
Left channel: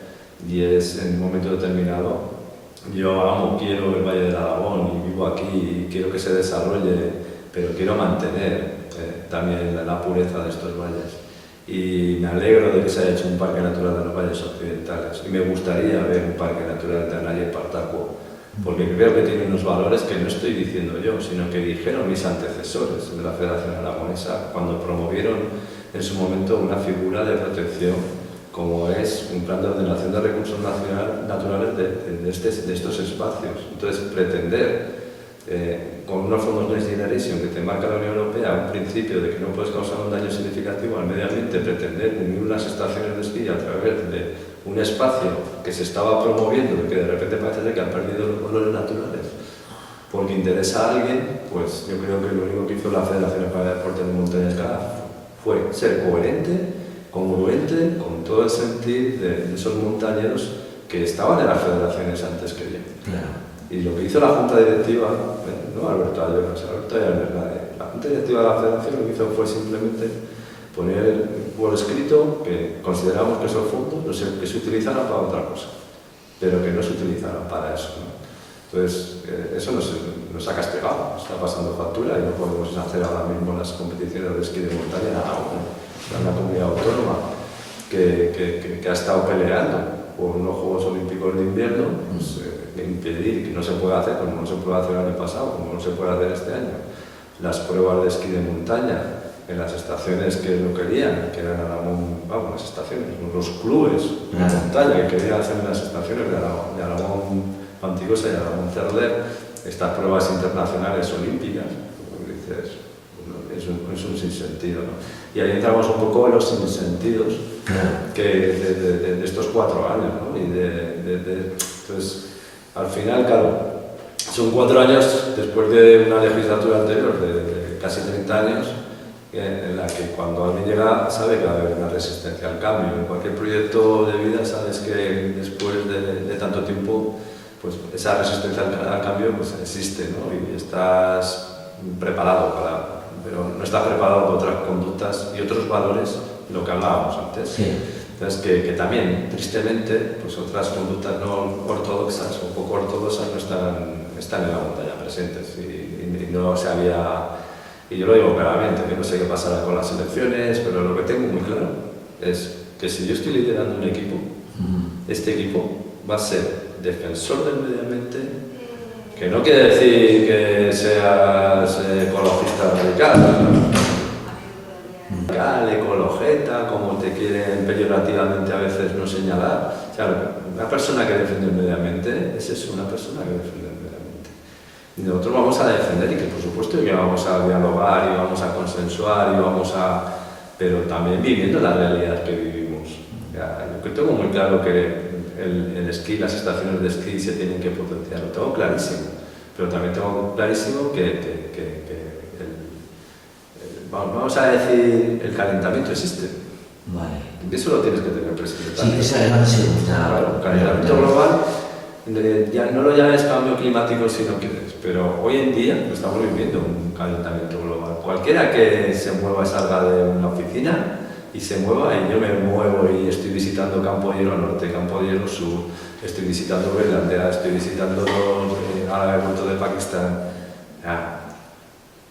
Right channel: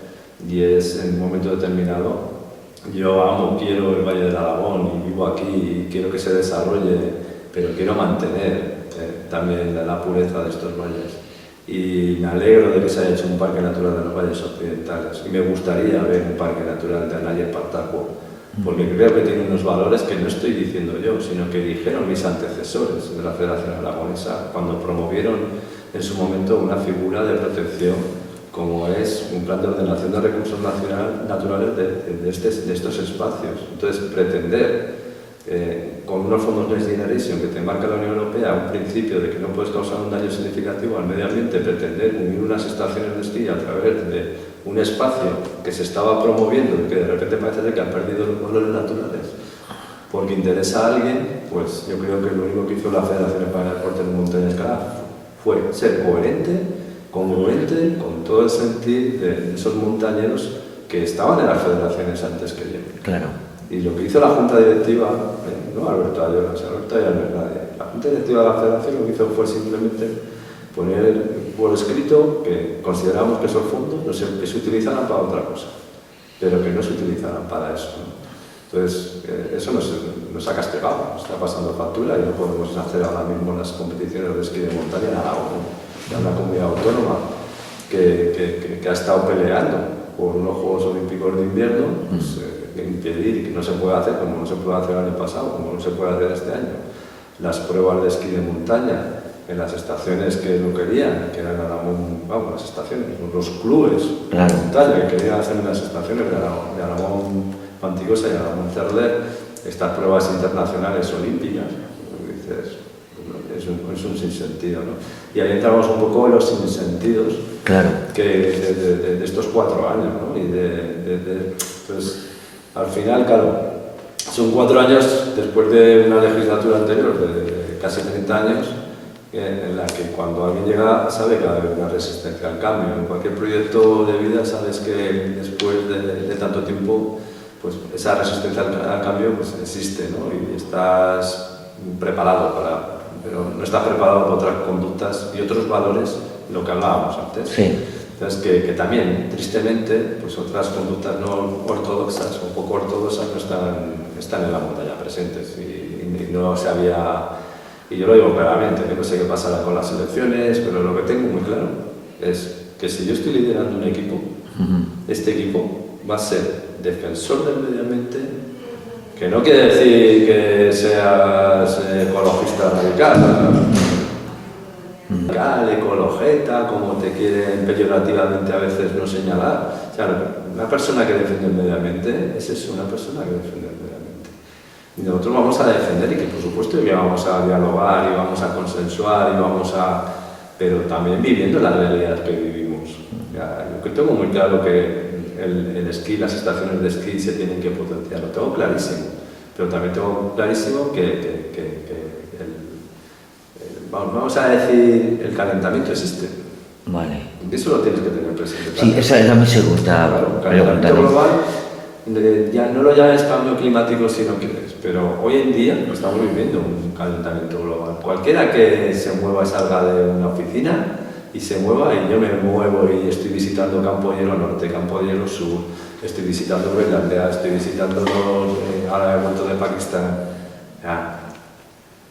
Y es, en un momento determinado, yo quiero el Valle del Aragón y vivo aquí y quiero que se desarrolle, pero quiero mantener también la pureza de estos valles. Y me alegro de que se haya hecho un parque natural de los valles occidentales. Y me gustaría ver un parque natural de Anaya y Partaco, porque creo que tiene unos valores que no estoy diciendo yo, sino que dijeron mis antecesores de la Federación Aragonesa cuando promovieron en su momento una figura de protección como es un plan de ordenación de recursos naturales de estos espacios. Entonces, pretender con unos fondos Next Generation que te marca la Unión Europea un principio de que no puedes causar un daño significativo al medio ambiente, pretender unir unas estaciones de esquí a través de un espacio que se estaba promoviendo y que de repente parece que han perdido los valores naturales porque interesa a alguien, pues yo creo que lo único que hizo la Federación Española de Deportes de Montaña y Escalada fue ser coherente, congruente con todo el sentir de esos montañeros que estaban en las federaciones antes que yo. Claro. Y lo que hizo la Junta Directiva, no Alberto Ayora, Alberto Ayora no es nadie, la Junta Directiva de la Federación lo que hizo fue simplemente poner por escrito que consideramos que esos fondos que se utilizaran para otra cosa, pero que no se utilizaran para eso, ¿no? Entonces, eso nos ha castigado, nos está pasando factura y no podemos hacer ahora mismo las competiciones de esquí de montaña en Aragón, ¿no? Una comunidad autónoma que ha estado peleando por unos Juegos Olímpicos de Invierno, pues, impedir que no se pueda hacer, como no se puede hacer el año pasado, como no se puede hacer este año, las pruebas de esquí de montaña en las estaciones que lo querían, que eran Aragón, vamos, las estaciones, los clubes de montaña que querían hacer en las estaciones de Aragón Panticosa y Aragón Cerler, estas pruebas internacionales olímpicas, como dices, es un sinsentido, ¿no? Y ahí entramos un poco en los sinsentidos, claro, que de estos 4 años, ¿no? Y entonces, al final, claro, son 4 años después de una legislatura anterior de casi 30 años, en la que cuando alguien llega sabe que va a haber una resistencia al cambio. En cualquier proyecto de vida sabes que después de tanto tiempo, pues esa resistencia al cambio pues existe, ¿no? Y estás preparado pero no estás preparado para otras conductas y otros valores, lo que hablábamos antes. Sí. Entonces, que también, tristemente, pues otras conductas no ortodoxas o poco ortodoxas no están en la montaña presentes y no se había... Y yo lo digo claramente, que no sé qué pasará con las elecciones, pero lo que tengo muy claro es que si yo estoy liderando un equipo, este equipo va a ser defensor del medio ambiente, que no quiere decir que seas ecologista radical, ecologeta, como te quieren peyorativamente a veces no señalar. O sea, una persona que defiende el medio ambiente es eso, una persona que defiende el medio ambiente. Y nosotros vamos a defender y que por supuesto que vamos a dialogar y vamos a consensuar y vamos a... pero también viviendo la realidad que vivimos. O sea, yo tengo muy claro que el esquí, las estaciones de esquí se tienen que potenciar, lo tengo clarísimo, pero también tengo clarísimo vamos a decir, el calentamiento existe. Vale. Eso lo tienes que tener presente. Sí, esa era mi segunda. Claro, el calentamiento global, ya no lo llames cambio climático si no quieres, pero hoy en día estamos viviendo un calentamiento global. Cualquiera que se mueva, salga de una oficina y se mueva, y yo me muevo y estoy visitando Campo de Hielo Norte, Campo de Hielo Sur, estoy visitando Groenlandia, estoy visitando ahora he vuelto de Pakistán.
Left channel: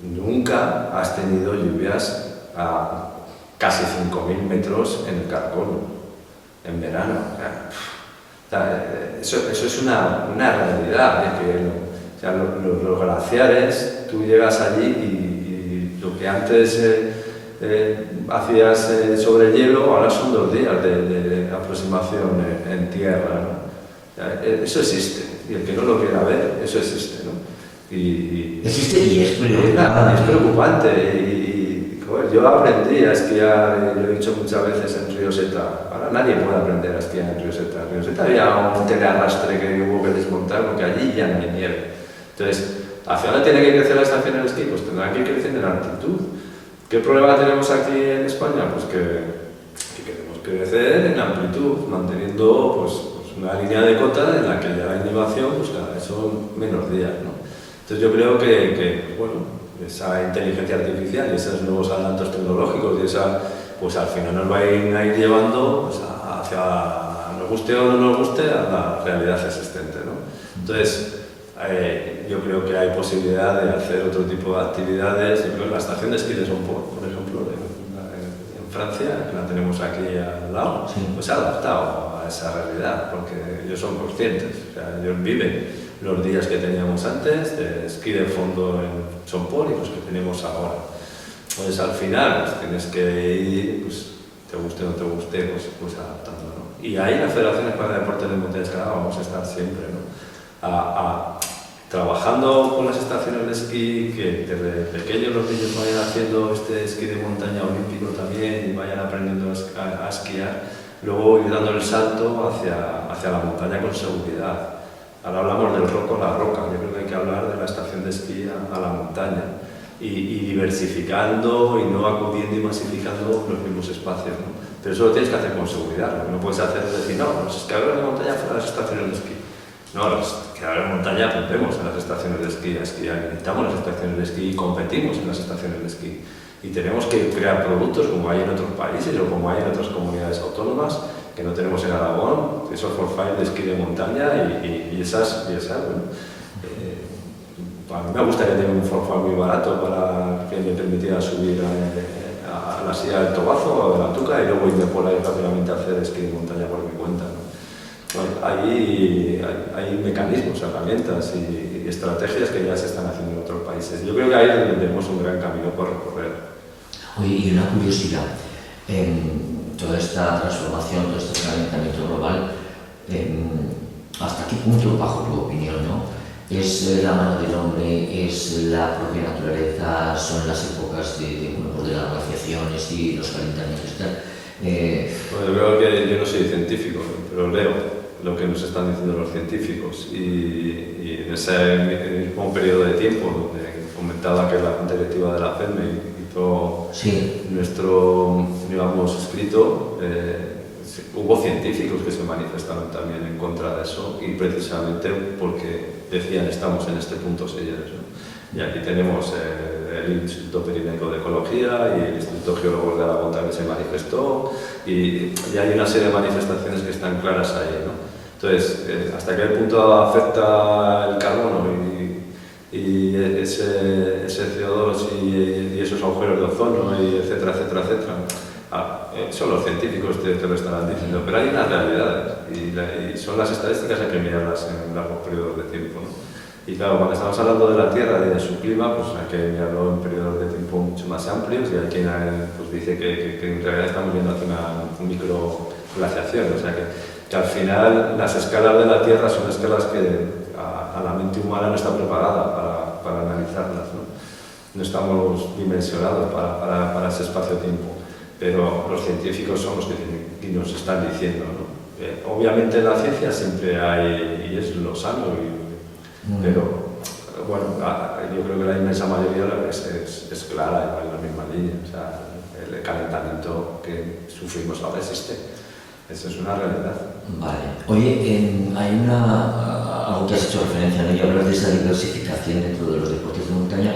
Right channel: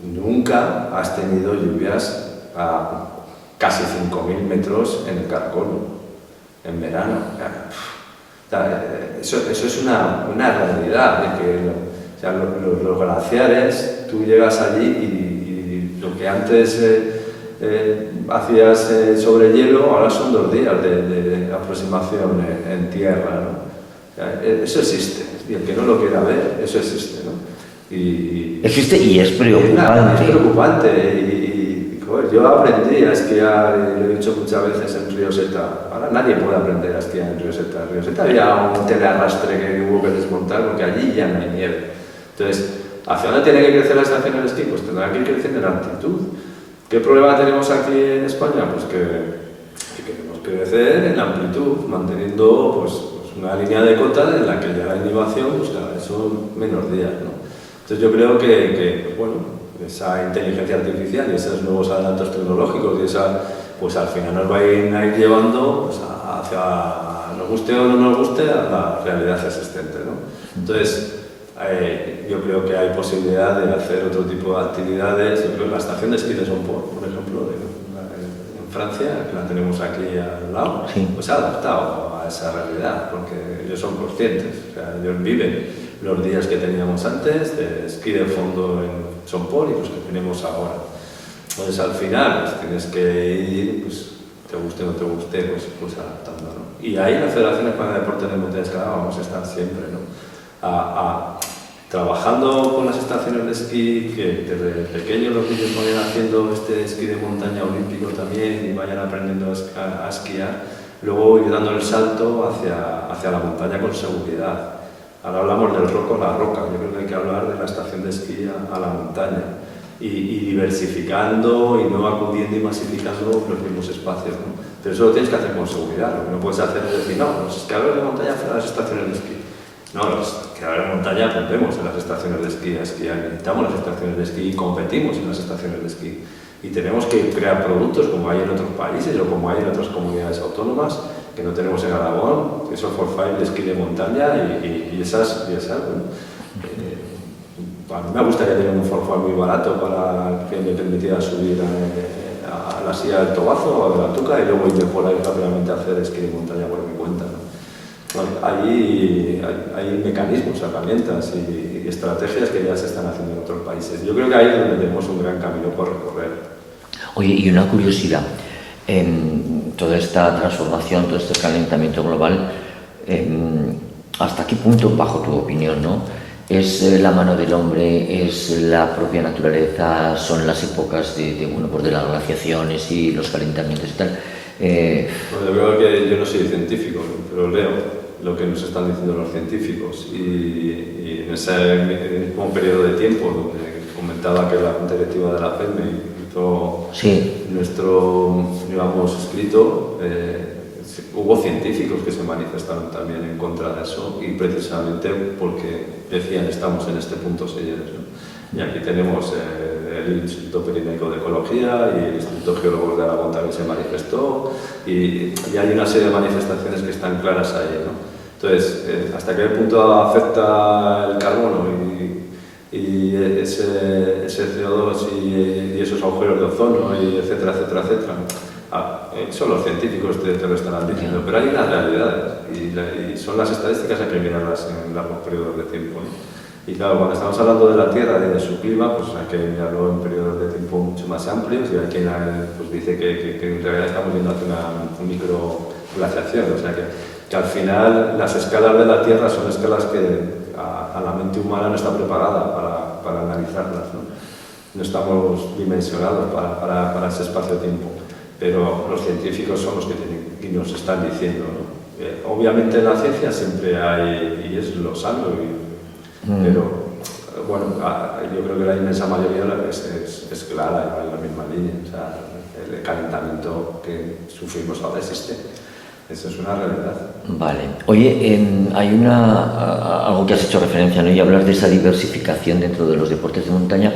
Nunca has tenido lluvias a casi 5.000 metros en el Carcolo, en verano. Eso es una realidad, de que los glaciares, tú llegas allí y lo que antes hacías sobre hielo, ahora son 2 días de aproximación en tierra, ¿no? Eso existe, y el que no lo quiera ver, eso existe, ¿no? Existe y es preocupante. Es preocupante y joder, yo aprendí a esquiar, lo he dicho muchas veces, en Río Seta. Ahora nadie puede aprender a esquiar en Río Seta. En Río Seta había un telearrastre que hubo que desmontar porque allí ya no hay nieve. Entonces, ¿hacia dónde tiene que crecer la estación de esquí? Pues tendrá que ir creciendo en altitud. ¿Qué problema tenemos aquí en España? Pues que queremos crecer en amplitud, manteniendo pues una línea de cota en la que ya la innovación pues cada vez son menos días, ¿no? Entonces yo creo que bueno, esa inteligencia artificial y esos nuevos adelantos tecnológicos y esa, pues al final nos va a ir llevando pues, hacia, nos guste o no nos guste, a la realidad existente, ¿no? Entonces, yo creo que hay posibilidad de hacer otro tipo de actividades. Yo creo que la estación de esquí de Somport, por ejemplo, en Francia, que la tenemos aquí al lado, sí, pues se ha adaptado a esa realidad, porque ellos son conscientes, o sea, ellos viven los días que teníamos antes de esquí de fondo en Somport y los que tenemos ahora. Entonces al final pues, tienes que ir, pues, te guste o no te guste, pues adaptando, ¿no? Y ahí la Federación Española de Deportes de Montaña Escalada vamos a estar siempre, ¿no? Trabajando con las estaciones de esquí, que desde pequeños los niños vayan haciendo este esquí de montaña olímpico también y vayan aprendiendo a esquiar, luego ir dando el salto hacia la montaña con seguridad. Ahora hablamos del roco a la roca, yo creo que hay que hablar de la estación de esquí a la montaña y diversificando y no acudiendo y masificando los mismos espacios, ¿no? Pero eso lo tienes que hacer con seguridad, lo que no puedes hacer es decir, no, los esquiadores de montaña fuera de las estaciones de esquí. No, los esquiadores de montaña aprendemos en las estaciones de esquí a esquiar, visitamos las estaciones de esquí y competimos en las estaciones de esquí. Y tenemos que crear productos como hay en otros países o como hay en otras comunidades autónomas que no tenemos en Aragón, esos forfait de esquí de montaña y esas bueno, a mí me gustaría tener un forfait muy barato para que me permitiera subir a la silla del Tobazo o de la Tuca y luego irme por ahí rápidamente a hacer esquí de montaña por mi cuenta, ¿no? Hay mecanismos, herramientas y estrategias que ya se están haciendo en otros países. Yo creo que ahí es donde tenemos un gran camino por recorrer. Oye, y una curiosidad, en toda esta transformación, todo este calentamiento global, ¿hasta qué punto, bajo tu opinión, ¿no? ¿Es la mano del hombre, es la propia naturaleza, son las épocas de las glaciaciones y los calentamientos y tal? Bueno, yo creo que yo no soy científico, pero leo lo que nos están diciendo los científicos y en ese mismo periodo de tiempo donde comentaba que la Junta Directiva de la FEME hizo nuestro, digamos, escrito, hubo científicos que se manifestaron también en contra de eso y precisamente porque decían estamos en este punto señores, ¿no? Y aquí tenemos el Instituto Pirineico de Ecología y el Instituto Geólogos de Aragón también se manifestó y hay una serie de manifestaciones que están claras ahí, ¿no? Entonces, ¿hasta qué punto afecta el carbono y ese CO2 y esos agujeros de ozono y etcétera, etcétera, etcétera? Son los científicos que te lo estarán diciendo, pero hay unas realidades y son las estadísticas, hay que mirarlas en largos periodos de tiempo, ¿no? Y claro, cuando estamos hablando de la Tierra y de su clima, pues hay que mirarlo en periodos de tiempo mucho más amplios y hay quien pues dice que en realidad estamos viendo hacia una microglaciación, o sea que al final las escalas de la Tierra son escalas que a la mente humana no está preparada para analizarlas, ¿no? No estamos dimensionados para ese espacio-tiempo, pero los científicos son los que nos están diciendo, ¿no? Obviamente en la ciencia siempre hay, y es lo sano, pero bueno, yo creo que la inmensa mayoría es clara y va en la misma línea, o sea, el calentamiento que sufrimos ahora existe. Eso es una realidad. Vale. Oye, hay algo que has hecho referencia, ¿no? Y hablar de esa diversificación dentro de los deportes de montaña.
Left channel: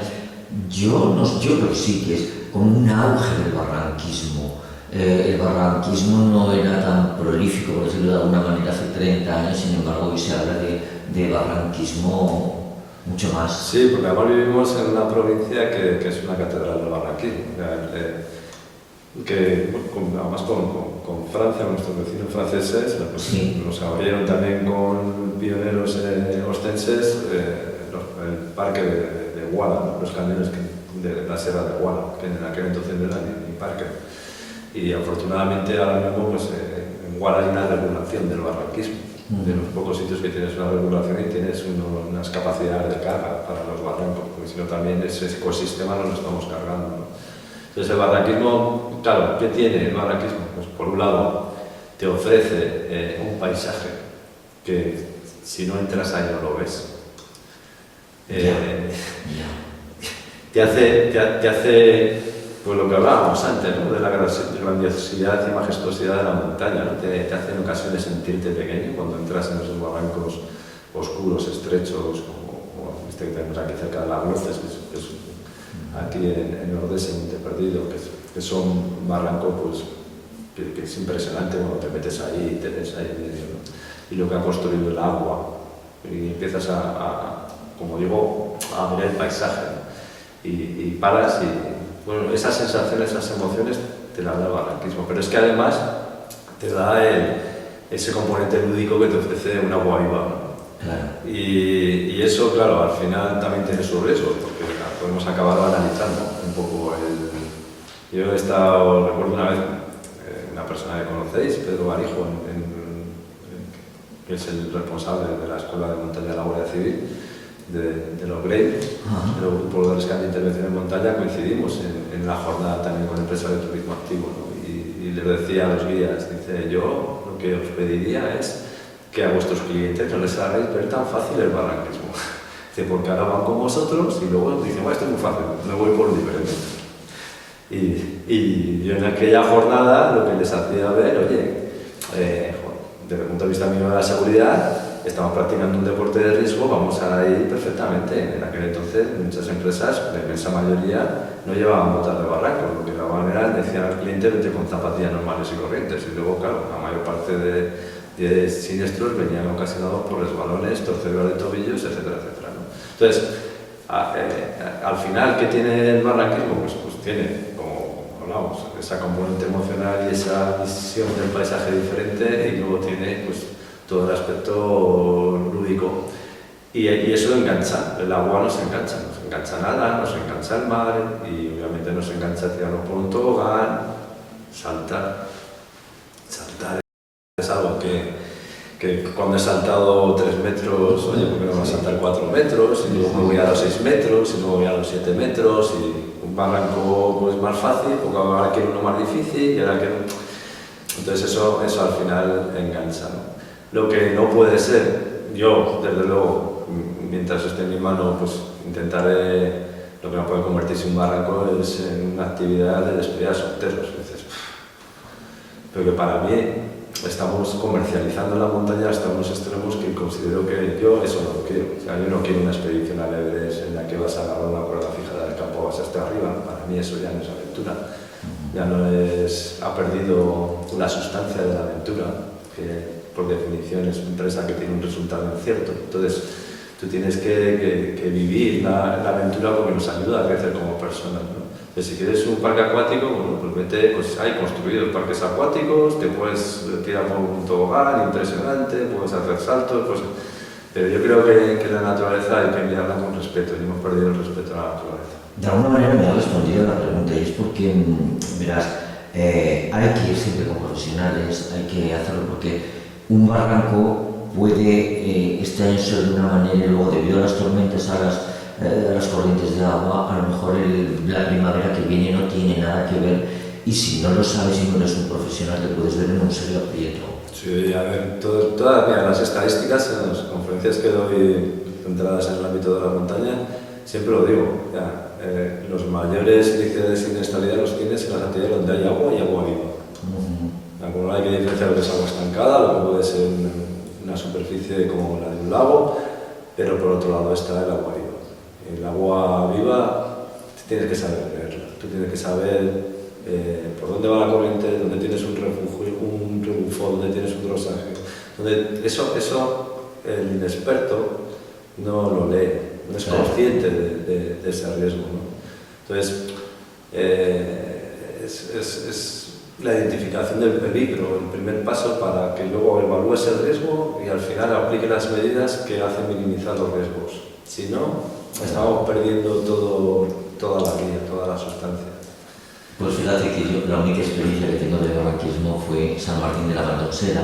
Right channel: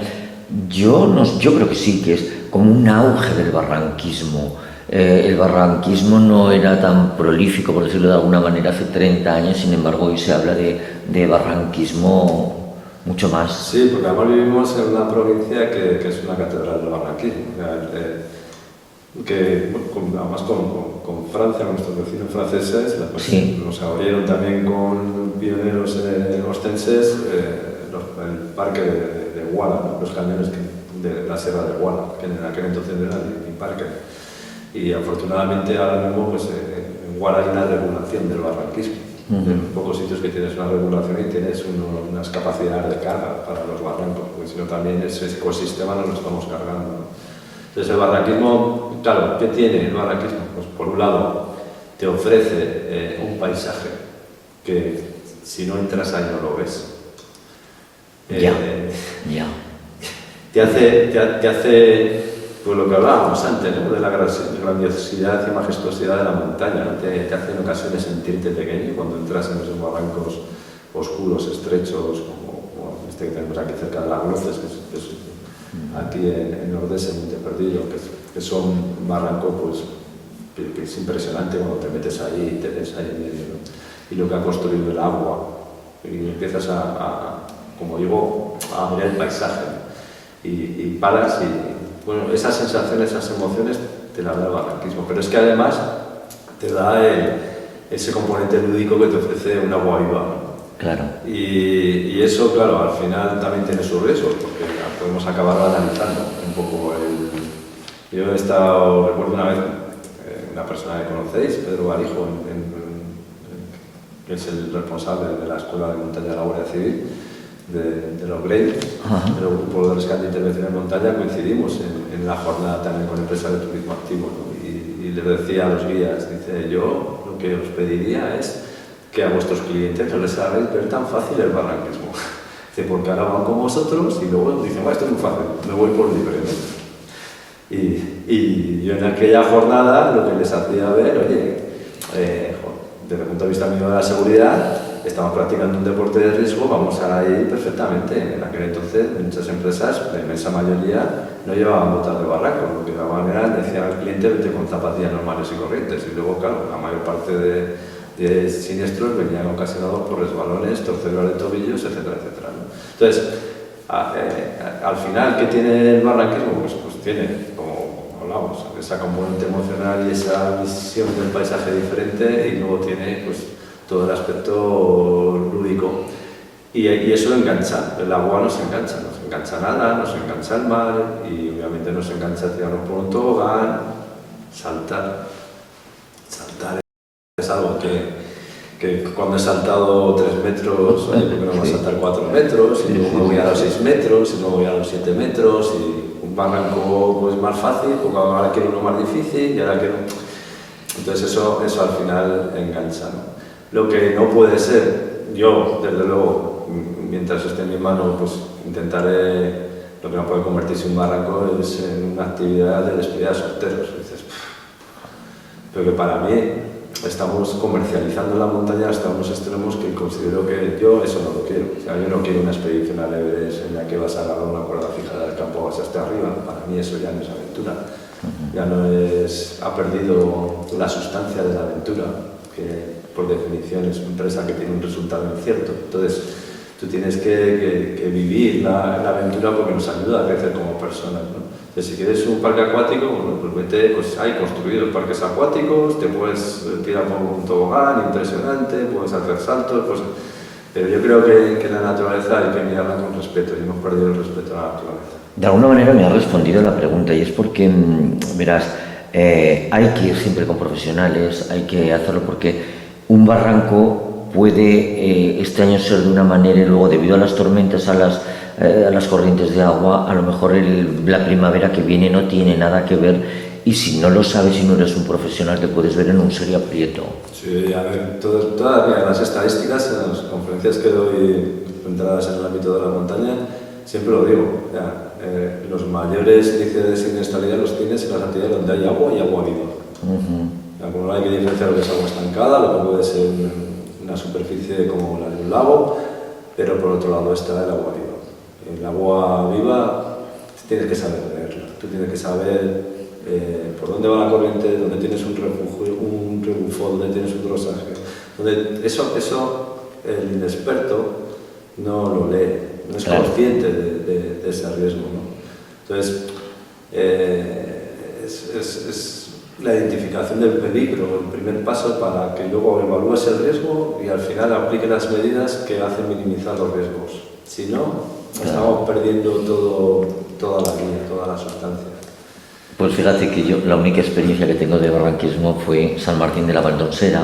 Yo creo que sí, que es como un auge del barranquismo. El barranquismo no era tan prolífico, por decirlo de alguna manera, hace 30 años, sin embargo hoy se habla de barranquismo mucho más. Sí, porque además vivimos en una provincia que es una catedral del barranquismo. Además con Francia, con nuestros vecinos franceses, pues, sí, nos abrieron también con pioneros ostenses el parque de Guala, ¿no? Los cañones de la Sierra de Guala, que en aquel entonces no era ni parque. Y afortunadamente ahora mismo pues, en Guala hay una regulación del barranquismo, de los pocos sitios que tienes una regulación y tienes unas capacidades de carga para los barrancos, porque si no también ese ecosistema no lo estamos cargando, ¿no? Entonces el barranquismo, claro, ¿qué tiene el barranquismo? Pues por un lado te ofrece un paisaje que si no entras ahí no lo ves. Te hace pues lo que hablábamos antes, ¿no? De la grandiosidad y majestuosidad de la montaña, ¿no? Te hace en ocasiones sentirte pequeño cuando entras en esos barrancos oscuros, estrechos, como este que tenemos aquí cerca de las Gloces, que es aquí en Nordeste, Monte Perdido, que son barrancos pues, que es impresionante cuando te metes ahí y te ves ahí en medio, ¿no? Y lo que ha construido el agua, y empiezas como digo, a mirar el paisaje, ¿no? Y paras y bueno, esas sensaciones, esas emociones te las da el barranquismo, pero es que además te da ese componente lúdico que te ofrece un agua viva, ¿no? Claro. Y eso, claro, al final también tiene sus riesgos, porque podemos acabar analizando un poco Yo he estado, recuerdo una vez, una persona que conocéis, Pedro Barijo, que es el responsable de la Escuela de Montaña de la Guardia Civil, de los GREI, de los grupos de rescate e intervención en montaña, coincidimos en la jornada también con empresas de turismo activo, ¿no? Y les decía a los guías, dice, yo lo que os pediría es que a vuestros clientes no les hagáis ver tan fácil el barranquismo. Dice, porque ahora van con vosotros y luego dicen, bueno, esto es muy fácil, me voy por libre, ¿no? Y yo en aquella jornada lo que les hacía ver, oye, desde el punto de vista mío de la seguridad, estamos practicando un deporte de riesgo, vamos a ir perfectamente. En aquel entonces muchas empresas, la inmensa mayoría, no llevaban botas de barranco, lo que llevaban era, decían al cliente, vete con zapatillas normales y corrientes. Y luego, claro, la mayor parte de siniestros venían ocasionados por resbalones, torceduras de tobillos, etcétera, etcétera, ¿no? Entonces, al final, ¿qué tiene el barranquismo? Pues tiene, como hablamos, esa componente emocional y esa visión del paisaje diferente, y luego tiene pues todo el aspecto lúdico. Y eso engancha, el agua nos engancha nada, nos engancha el mar y obviamente nos engancha tirarnos por un tobogán, saltar. Saltar es algo que cuando he saltado 3 metros, oye, ¿por qué no voy a saltar 4 metros? Y luego me voy a los 6 metros, y luego voy a los 7 metros, y un barranco pues, más fácil, porque ahora quiero uno más difícil, y ahora quiero... Entonces eso al final engancha, ¿no? Lo que no puede ser, yo desde luego, mientras esté en mi mano, pues intentaré, lo que no puede convertirse en un barranco es en una actividad de despedida de solteros. Dices, pero que para mí estamos comercializando la montaña hasta unos extremos que considero que yo eso no lo quiero. O sea, yo no quiero una expedición al Everest en la que vas a agarrar una cuerda fija del campo vas hasta arriba. Para mí eso ya no es aventura. Ya no es, ha perdido la sustancia de la aventura, que por definición es una empresa que tiene un resultado incierto. Entonces, tú tienes que vivir la aventura porque nos ayuda a crecer como personas, ¿no? Entonces, si quieres un parque acuático, bueno, pues vete, pues hay construidos parques acuáticos, te puedes tirar por un tobogán impresionante, puedes hacer saltos, pues, pero yo creo que la naturaleza hay que mirarla con respeto y hemos perdido el respeto a la naturaleza. De alguna manera me ha respondido la pregunta y es porque, verás, hay que ir siempre con profesionales, hay que hacerlo porque un barranco puede este año ser de una manera y luego debido a las tormentas, a las corrientes de agua, a lo mejor la primavera que viene no tiene nada que ver y si no lo sabes y no eres un profesional te puedes ver en un serio aprieto. Sí, a ver, todas las estadísticas en las conferencias que doy centradas en el ámbito de la montaña, siempre lo digo, los mayores índices de siniestralidad los tienes en las actividades donde hay agua y agua viva. Bueno, hay que diferenciar lo que es agua estancada, lo que puede ser una superficie como la de un lago, pero por otro lado está el agua viva. El agua viva tienes que saber leerla, tú tienes que saber por dónde va la corriente, dónde tienes un refugio, un rebufo, dónde tienes un rosaje. Eso el inexperto no lo lee, no es consciente de ese riesgo, ¿no? Entonces, es la identificación del peligro, el primer paso para que luego evalúes el riesgo y al final aplique las medidas que hacen minimizar los riesgos. Si no, estamos perdiendo toda la guía, toda la sustancia. Pues fíjate que yo la única experiencia que tengo de barranquismo fue San Martín de la Valdonsera,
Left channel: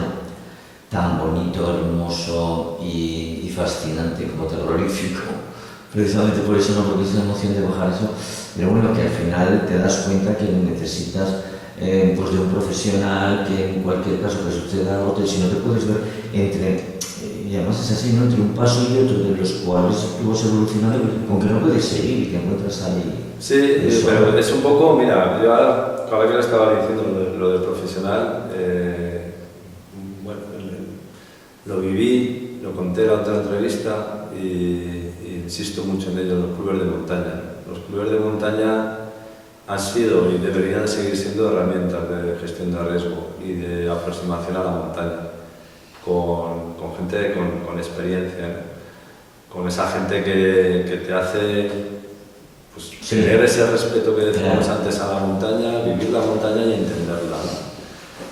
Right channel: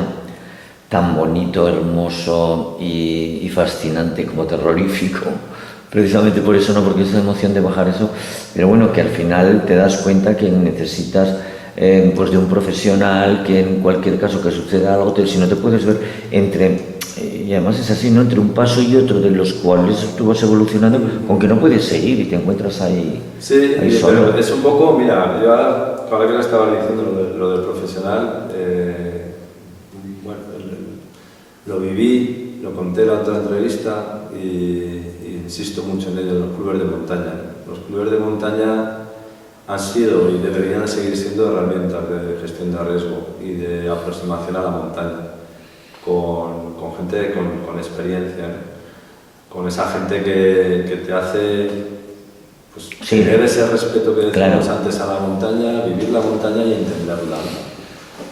tan bonito, hermoso y fascinante como terrorífico. Precisamente por eso, no porque es la emoción de bajar eso, pero bueno, que al final te das cuenta que necesitas pues de un profesional, que en cualquier caso que suceda algo, si no te puedes ver entre, y además es así, ¿no? Entre un paso y otro de los cuales tú vas evolucionando, aunque no puedes seguir y te encuentras ahí. Sí, ahí solo. pero es un poco, mira, yo ahora que le estaba diciendo lo del profesional, bueno, lo viví, lo conté en la otra entrevista y insisto mucho en ello, los clubes de montaña. Los clubes de montaña han sido y deberían seguir siendo herramientas de gestión de riesgo y de aproximación a la montaña, con gente con experiencia, ¿no? Con esa gente que te hace pues, tener ese respeto que decíamos antes a la montaña, vivir la montaña y entenderla, ¿no?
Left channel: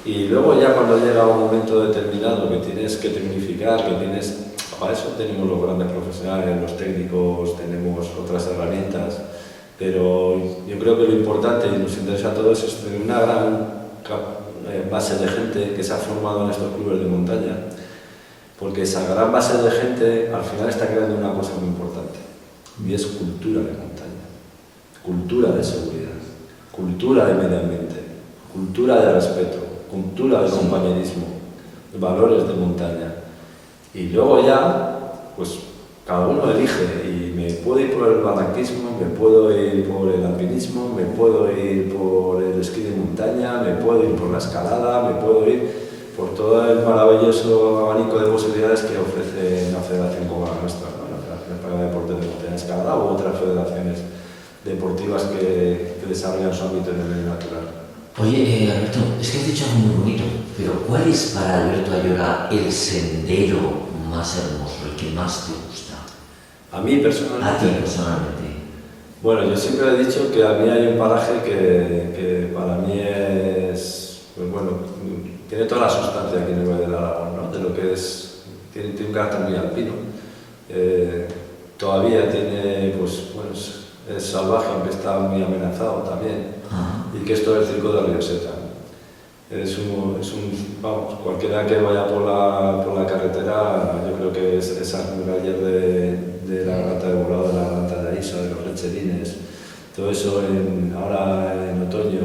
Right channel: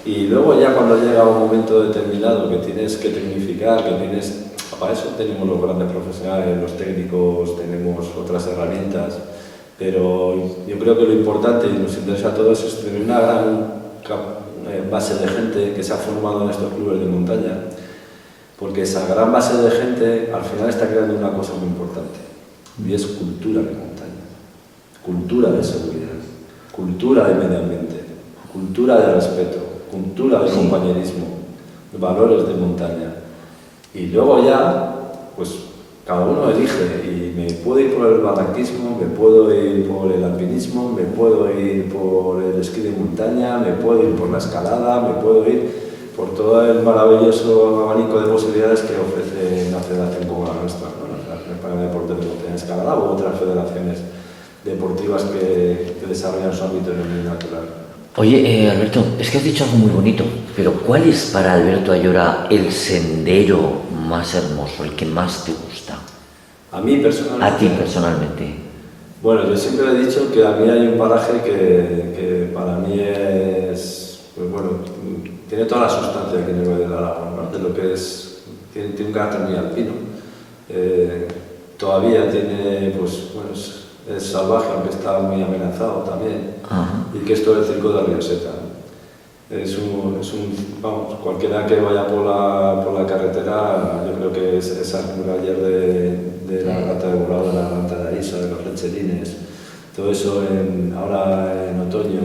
Y luego ya cuando llega un momento determinado que tienes que tecnificar, para eso tenemos los grandes profesionales, los técnicos, tenemos otras herramientas, pero yo creo que lo importante y nos interesa a todos es tener una gran base de gente que se ha formado en estos clubes de montaña, porque esa gran base de gente al final está creando una cosa muy importante, y es cultura de montaña, cultura de seguridad, cultura de medio ambiente, cultura de respeto, cultura de compañerismo, valores de montaña. Y luego ya, pues cada uno elige, y me puedo ir por el barranquismo, me puedo ir por el alpinismo, me puedo ir por el esquí de montaña, me puedo ir por la escalada, me puedo ir por todo el maravilloso abanico de posibilidades que ofrece una federación como la nuestra, ¿no? La Federación Española de Deportes de Montaña Escalada u otras federaciones deportivas que desarrollan su ámbito en el medio natural. Oye, Alberto, es que has dicho algo muy bonito, pero ¿cuál es para Alberto Ayora el sendero más hermoso, el que más te gusta? A mí personalmente. A ti personalmente. Bueno, yo siempre he dicho que a mí hay un paraje que para mí es, pues bueno, tiene toda la sustancia aquí en el Valle del Aragón, ¿no? De lo que es, tiene un carácter muy alpino. Todavía tiene, pues bueno, es salvaje, aunque está muy amenazado también. Y que esto es el Circo de Rioseta. Vamos, cualquiera que vaya por la carretera, yo creo que esas murallas de la Garganta de Borao, de la Garganta de Aisa, de los lecherines, todo eso ahora en otoño,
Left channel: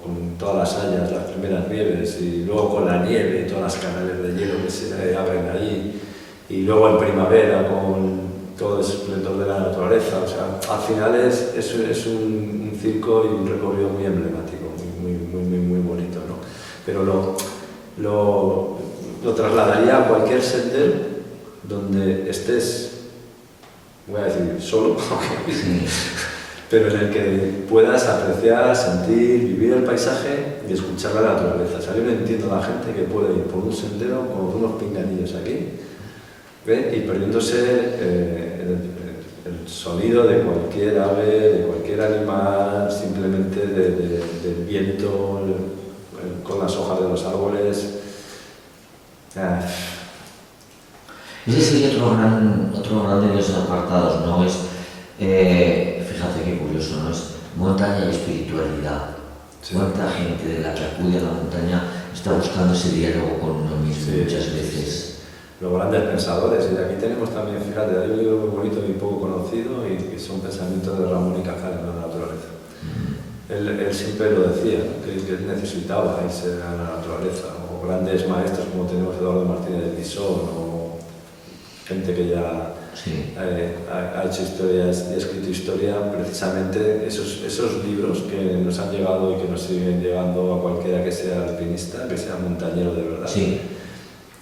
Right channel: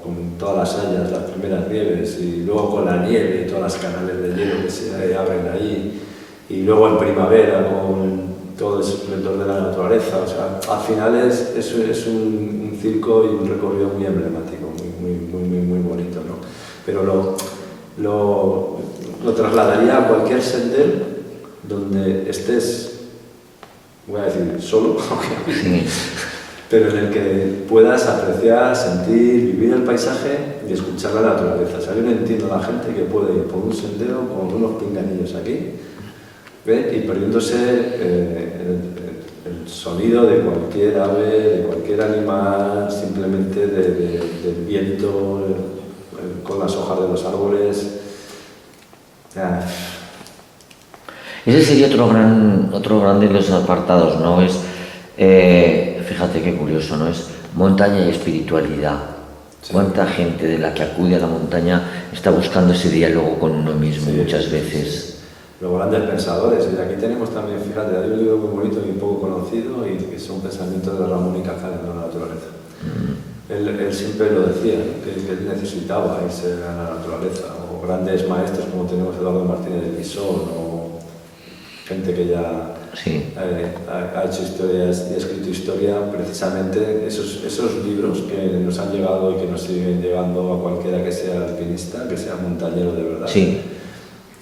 con todas las hayas, las primeras nieves, y luego con la nieve y todas las canales de hielo que se abren ahí, y luego en primavera con todo ese esplendor de la naturaleza. O sea, al final es un circo y un recorrido muy emblemático, muy bonito, ¿no? Pero lo trasladaría a cualquier sendero donde estés, voy a decir, solo, pero en el que puedas apreciar, sentir, vivir el paisaje y escuchar la naturaleza. O sea, yo no entiendo a la gente que puede ir por un sendero con unos pinganillos aquí, ¿ve? Y perdiéndose el sonido de cualquier ave, de cualquier animal, simplemente del viento con las hojas de los árboles. Ese sería otro gran de los apartados, ¿no? Es, fíjate qué curioso, ¿no? Es montaña y espiritualidad. Sí. ¿Cuánta gente de la que acude a la montaña está buscando ese diálogo con uno mismo muchas veces? Los grandes pensadores, y aquí tenemos también, fíjate, hay un libro muy bonito y poco conocido, y que son pensamientos de Ramón y Cajal en la naturaleza. Él siempre lo decía, ¿no? que él necesitaba irse a la naturaleza, o grandes maestros como tenemos Eduardo Martínez de Guisón, o gente que ya ha hecho historias y ha escrito historia, precisamente esos libros que nos han llegado y que nos siguen llegando a cualquiera que sea alpinista, que sea montañero de verdad,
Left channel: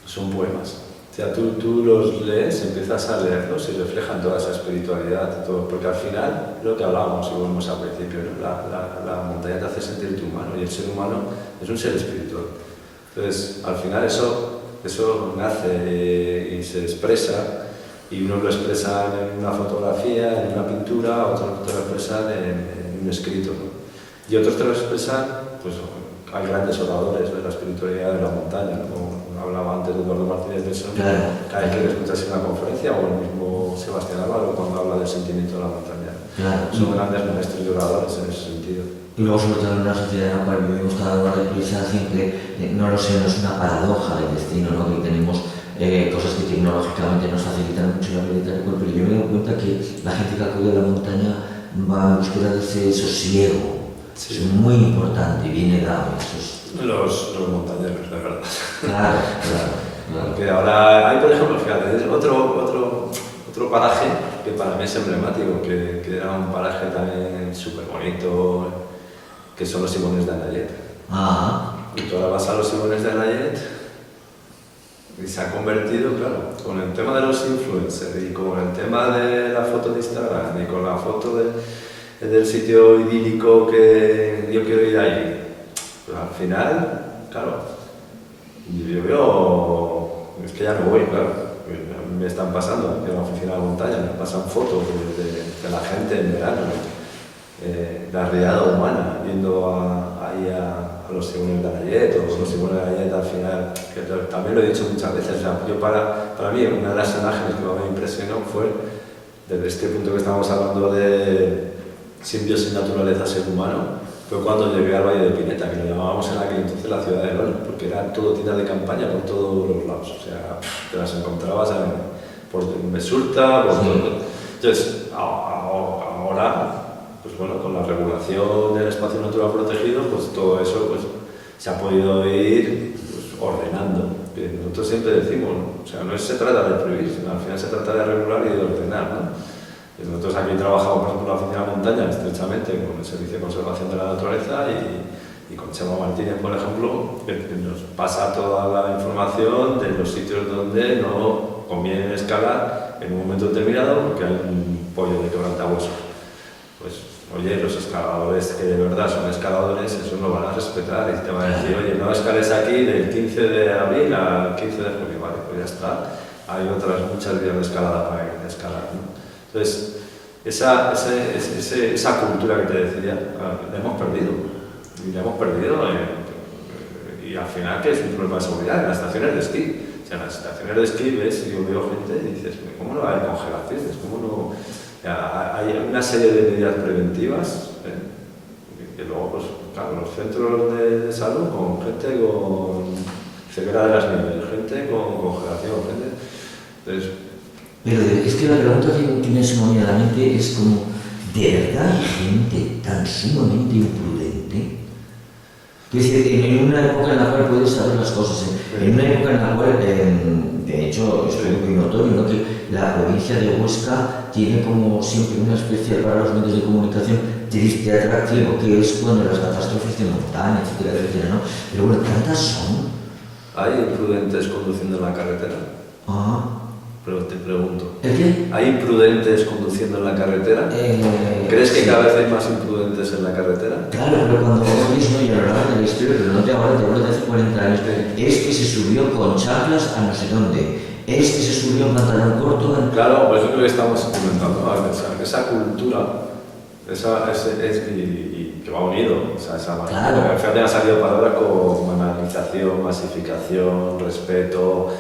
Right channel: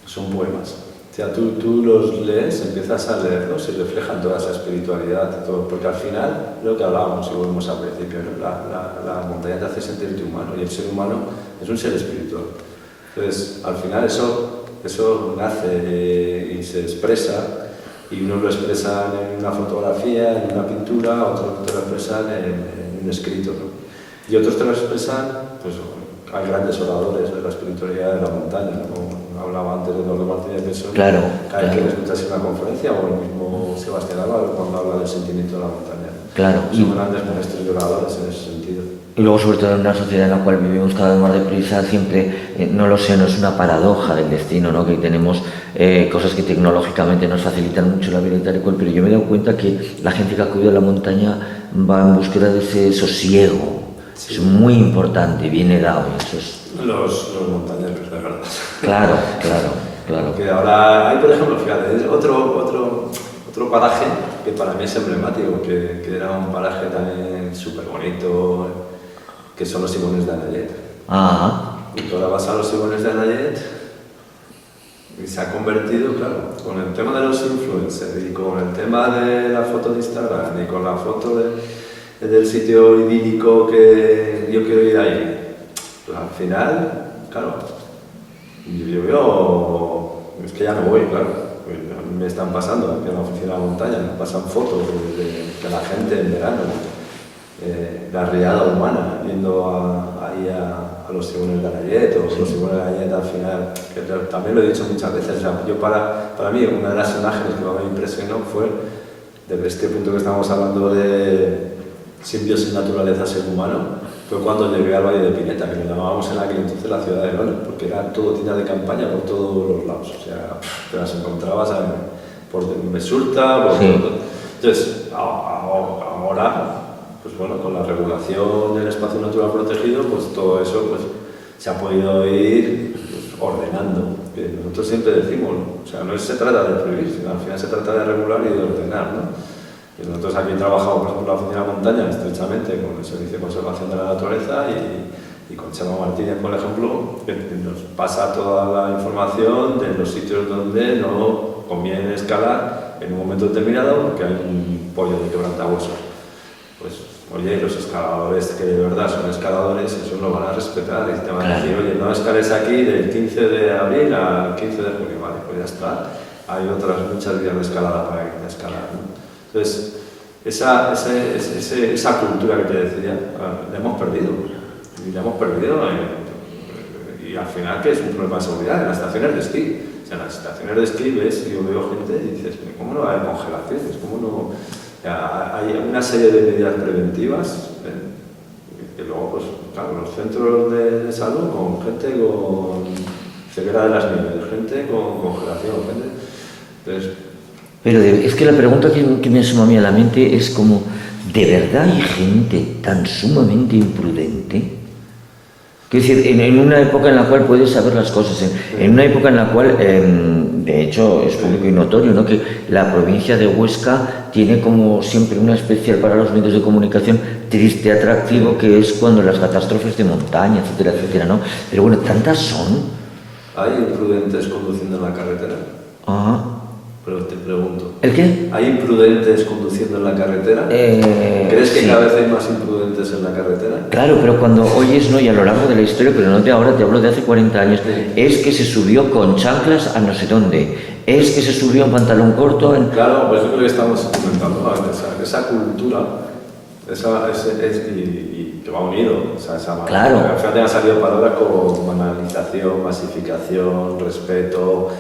son poemas. O sea, tú los lees, empiezas a leerlos y reflejan toda esa espiritualidad, todo, porque al final, lo que hablábamos y volvemos al principio, ¿no? La montaña te hace sentirte humano y el ser humano es un ser espiritual. Entonces, al final eso nace y se expresa, y unos lo expresan en una fotografía, en una pintura, otros te lo expresan en un escrito, ¿no? Y otros te lo expresan, pues hay grandes oradores de la espiritualidad de la montaña, ¿no? Como hablaba antes de Eduardo Martínez de Guisón, cada vez que escuchas una conferencia, o el mismo Sebastián Álvaro cuando habla del sentimiento de la montaña. Son grandes maestros y oradores en ese sentido. Y luego, sobre todo en una sociedad en la cual vivimos cada vez más reclusa, siempre, no lo sé, no es una paradoja del destino, ¿no? Que tenemos cosas que tecnológicamente nos facilitan mucho la vida y tal y cual, pero yo me he dado cuenta que la gente que acude a la montaña va en búsqueda de ese sosiego. Sí. Es muy importante, viene dado. Los montañeros, de verdad. Claro. Porque ahora hay, por ejemplo, fíjate, es otro paraje que para mí es emblemático, que era un paraje también súper bonito, que son los Simones de Anayet. Y tú ahora vas a los Simones de Anayet y se ha convertido, claro, con el tema de los influencers y con el tema de la foto de Instagram y con la foto del sitio idílico que yo quiero ir ahí. Pues al final, claro, yo veo, es que ya no voy, claro. Me están pasando aquí en la oficina de la montaña, me pasan fotos de la gente en verano, la riada humana, yendo ahí a los Simones de Anayet, o los Simones de Anayet al final, que también lo he dicho muchas veces. O sea, yo para mí, una de las imágenes que me impresionó fue, desde este punto que estamos hablando de simbiosis naturaleza-ser humano, fue cuando llegué al Valle de Pineta, que lo llamábamos en aquel entonces la ciudad de León, porque era todo tiendas de campaña por todos los lados. O sea, te las encontrabas por Mesurta, por todo. Entonces, ahora, pues bueno, con la regulación del espacio natural protegido, pues todo eso pues, se ha podido ir pues, ordenando. Que nosotros siempre decimos, ¿no? O sea, no se trata de prohibir, sino al final se trata de regular y de ordenar, ¿no? Y nosotros aquí trabajamos, por ejemplo, en la Oficina de la Montaña, estrechamente con el Servicio de Conservación de la Naturaleza y con Chema Martínez, por ejemplo, que nos pasa toda la información de los sitios donde no conviene escalar en un momento determinado porque hay un pollo de quebrantahuesos. Pues, oye, los escaladores que de verdad son escaladores, eso lo van a respetar y te van a decir, oye, no escales aquí del 15 de abril al 15 de junio, vale, pues ya está. Hay otras muchas vías de escalada para ir a escalar, ¿no? Entonces, esa cultura que te decía, la hemos perdido. Y la hemos perdido y al final que es un problema de seguridad en las estaciones de esquí. O sea, en las estaciones de esquí ves, yo veo gente y dices, ¿cómo no hay congelaciones? ¿Cómo no? Hay una serie de medidas preventivas que luego, pues, claro, los centros de salud con gente con ceguera de las nieves, gente con congelación, gente... Entonces, pero es que la pregunta que me asoma a mí a la mente es como, ¿de verdad hay gente tan sumamente imprudente? Quiero decir, en una época en la cual puedes saber las cosas, en una época en la cual, de hecho, es muy notorio, ¿no? Que la provincia de Huesca tiene como siempre una especial para los medios de comunicación triste atractivo, que es cuando las catástrofes de montaña, etcétera, etcétera, ¿no? Pero bueno, tantas son. ¿Hay imprudentes conduciendo en la carretera? Ah. Pero te pregunto. ¿El qué? ¿Hay imprudentes conduciendo en la carretera? ¿Crees que sí. cada vez hay más imprudentes en la carretera? Claro, pero cuando oyes, ¿no? Y a lo largo de la historia, pero no de ahora, te hablo de hace 40 años, Sí. es que se subió con chanclas a no sé dónde, es que se subió en pantalón corto, en... Claro, pues es lo que estamos comentando, ¿no? Esa cultura, y que va unido, o sea, Claro. Fíjate, ha salido palabras como banalización, masificación, respeto,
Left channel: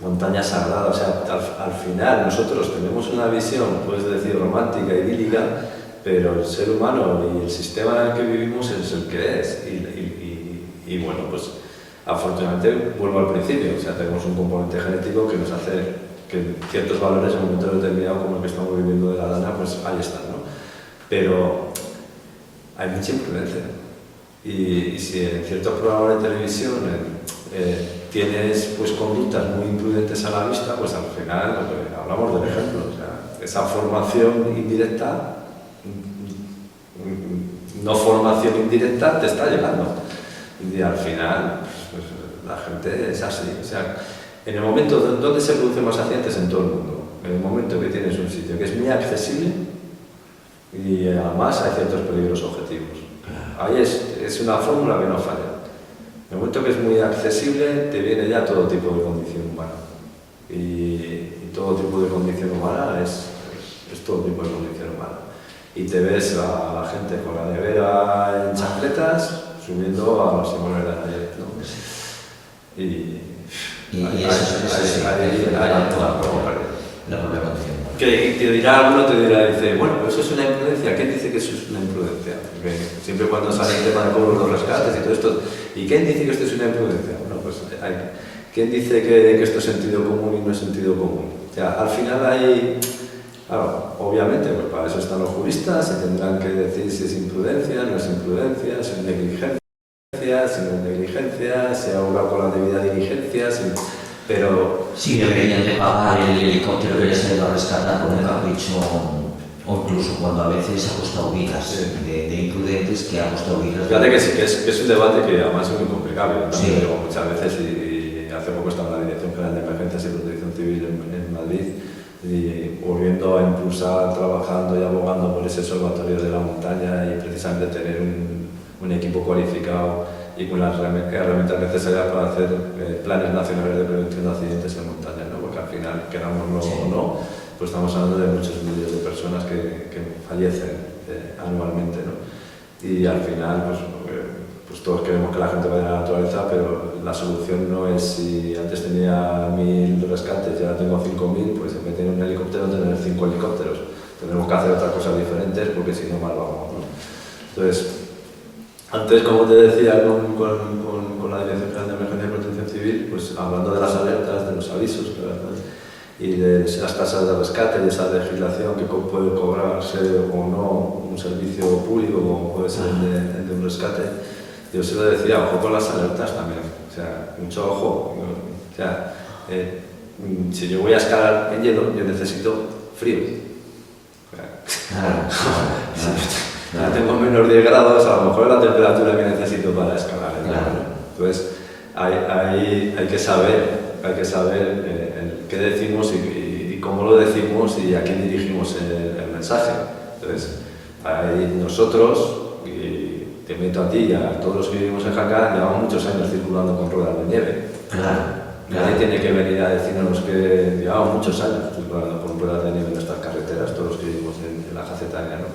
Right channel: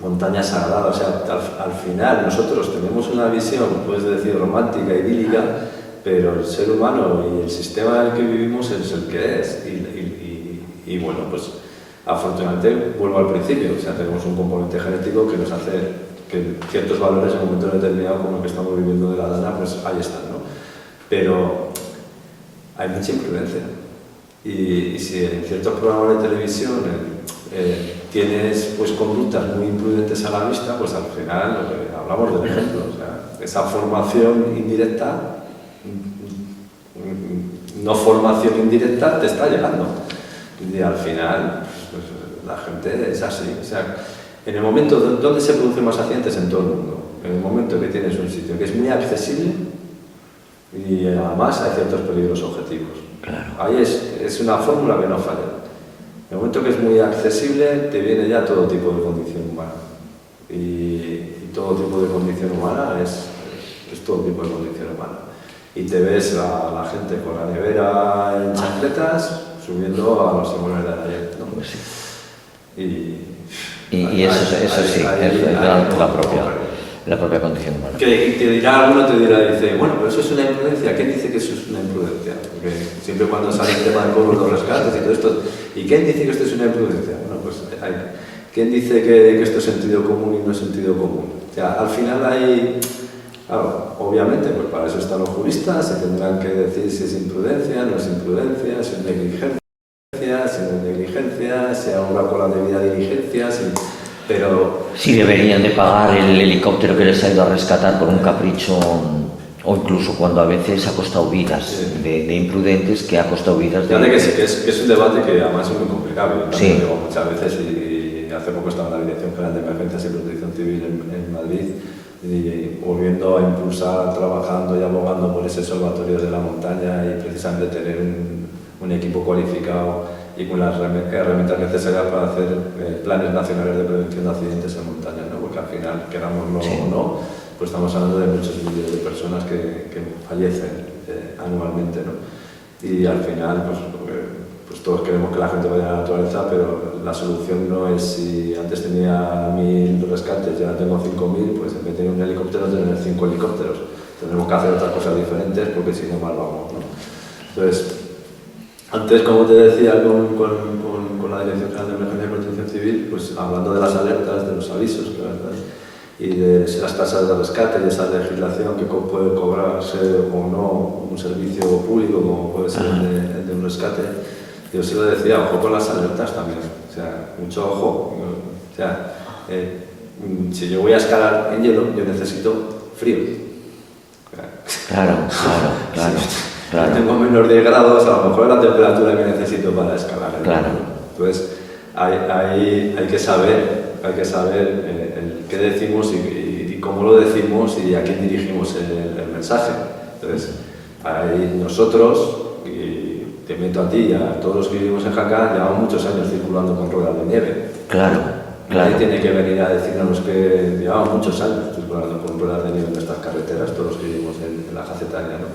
montaña sagrada, o sea, al final nosotros tenemos una visión, puedes decir, romántica, idílica, pero el ser humano y el sistema en el que vivimos es el que es, y bueno, pues afortunadamente vuelvo al principio, o sea, tenemos un componente genético que nos hace que ciertos valores en un momento determinado como el que estamos viviendo de la lana, pues ahí están, ¿no? Pero hay mucha imprudencia, y si en ciertos programas de televisión tienes pues conductas muy imprudentes a la vista, pues al final lo que hablamos del ejemplo, o sea, esa formación indirecta, no formación indirecta, te está llegando. Y al final, pues, la gente es así. O sea, en el momento donde se producen más accidentes en todo el mundo, en el momento que tienes un sitio que es muy accesible y además hay ciertos peligros objetivos. Claro. Ahí es una fórmula que no falla. En el momento que es muy accesible, te viene ya todo tipo de condición humana. Y todo tipo de condición humana es todo tipo de condición humana. Y te ves a la gente con la nevera en chancletas subiendo a los Simones de ayer, ¿no? Y eso sí, la propia condición humana. Que te dirá, alguno te dirá, dice, bueno, pero eso es una imprudencia. ¿Quién dice que eso es una imprudencia? Porque siempre cuando sale el tema de cobro de los rescates y todo esto, ¿y quién dice que esto es una imprudencia? Bueno, pues ¿quién dice que esto es sentido común y no es sentido común? O sea, al final hay, claro, obviamente, pues para eso están los juristas, se tendrán que decir si es imprudencia, no es imprudencia, si es negligencia, si no es negligencia, si obra con la debida diligencia, pero... Si deberían de pagar el helicóptero que les ha ido a rescatar por un capricho, o incluso cuando a veces ha costado vidas, Sí. de imprudentes que ha costado vidas. Fíjate que sí, que es un debate que además es muy complicado. Yo también Sí. digo muchas veces, y hace poco estaba en la Dirección General de Emergencias y Protección Civil en Madrid, y volviendo a impulsar, trabajando y abogando por ese observatorio de la montaña y precisamente tener un equipo cualificado y con las herramientas necesarias para hacer planes nacionales de prevención de accidentes en montaña, ¿no? Porque al final, querámoslo Sí. o no, pues estamos hablando de muchos miles de personas que fallecen anualmente, ¿no? Y al final, pues todos queremos que la gente vaya a la naturaleza, pero la solución no es si antes tenía 1000 rescates y ahora tengo 5000, pues en vez de tener un helicóptero, tener 5 helicópteros. Tendremos que hacer otras cosas diferentes porque si no, mal vamos, ¿no? Entonces, antes, como te decía, con la Dirección General de Emergencia y Protección Civil, pues hablando de las alertas, de los avisos, y de las tasas de rescate y esa legislación que puede cobrarse o no un servicio público como puede ser el de un rescate, yo se lo decía, ojo con las alertas también, o sea, mucho ojo, o sea, si yo voy a escalar en hielo, yo necesito frío. Claro. Si tengo menos 10 grados, a lo mejor es la temperatura que necesito para escalar. Claro. Entonces, hay que saber qué decimos y cómo lo decimos y a quién dirigimos el mensaje. Entonces, nosotros, y te meto a ti y a todos los que vivimos en Jaca, llevamos muchos años circulando con ruedas de nieve. Claro. Nadie tiene que venir a decirnos que llevamos muchos años circulando con ruedas de nieve en nuestras carreteras, todos los que vivimos en la Jacetania, ¿no?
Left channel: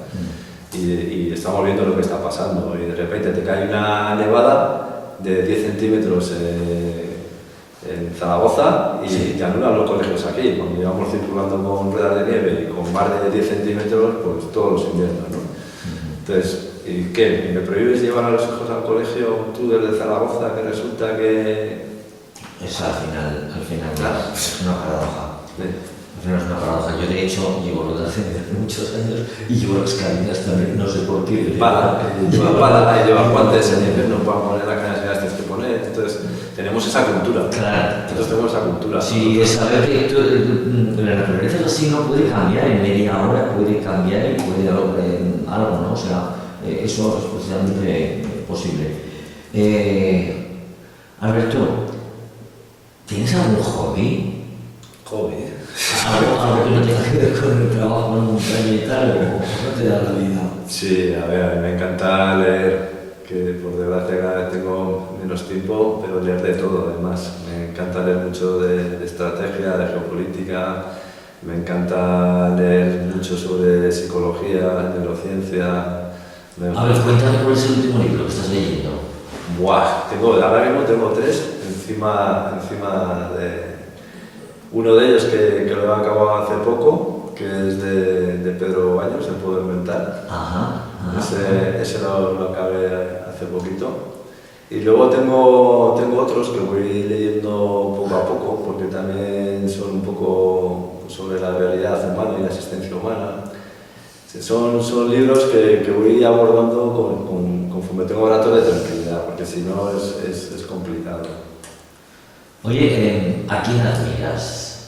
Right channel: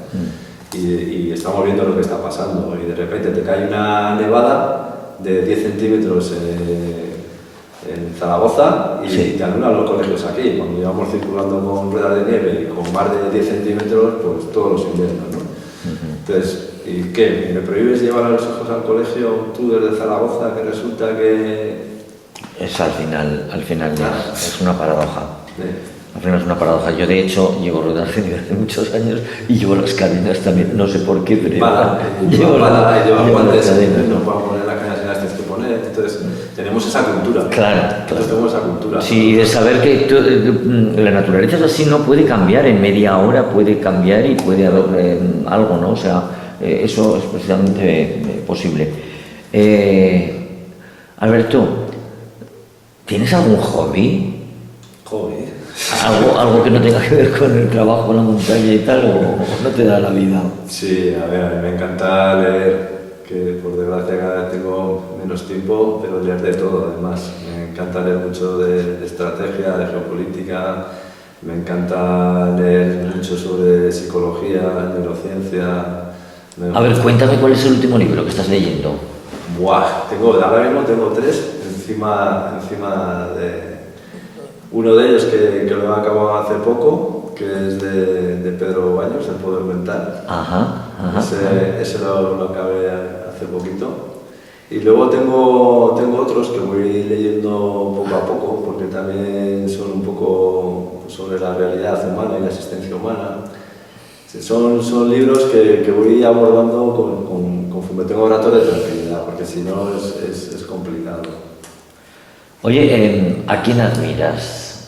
Y estamos viendo lo que está pasando y de repente te cae una nevada de 10 centímetros en Zaragoza y Sí. te anulan los colegios aquí. Cuando llevamos circulando con ruedas de nieve y con más de 10 centímetros, pues todos los inviernos, ¿no? Entonces, ¿y qué? ¿Me prohíbes llevar a los hijos al colegio tú desde Zaragoza que resulta que...? Es al final ya, es una paradoja. Sí. Al final es una paradoja. Yo, de hecho, llevo rodando hace muchos años y llevo las cadenas también, no sé por qué, pero lleva pala y lleva guantes, cadenas. no puedo poner las cadenas y las tienes que poner. Entonces, tenemos esa cultura. Claro. Nosotros tenemos esa cultura. Sí, de saber que la naturaleza es así, no puede cambiar en media hora, puede cambiar y puede haber algo, ¿no? O sea, eso es precisamente posible. Alberto, ¿tienes algún hobby? Hobby. ¿Algo que no tenga que ver con el trabajo en la montaña y tal, o no te da la vida? Sí, a ver, a mí me encanta leer, que por desgracia cada vez tengo menos tiempo, pero leer de todo además. Me encanta leer mucho de estrategia, de geopolítica, me encanta leer mucho sobre psicología, neurociencia. A ver, cuéntame cuál es el último libro que estás leyendo. Buah, ahora mismo tengo 3 encima de... Uno de ellos que lo he acabado hace poco, que es de Pedro Baños, El poder mental. Ajá. Ese lo acabé hace poquito. Y luego tengo otros que voy leyendo poco a poco, porque también son un poco sobre la realidad humana y la existencia humana. Son libros que voy abordando conforme tengo rato de tranquilidad, porque si no es complicado. Oye, ¿a quién admiras?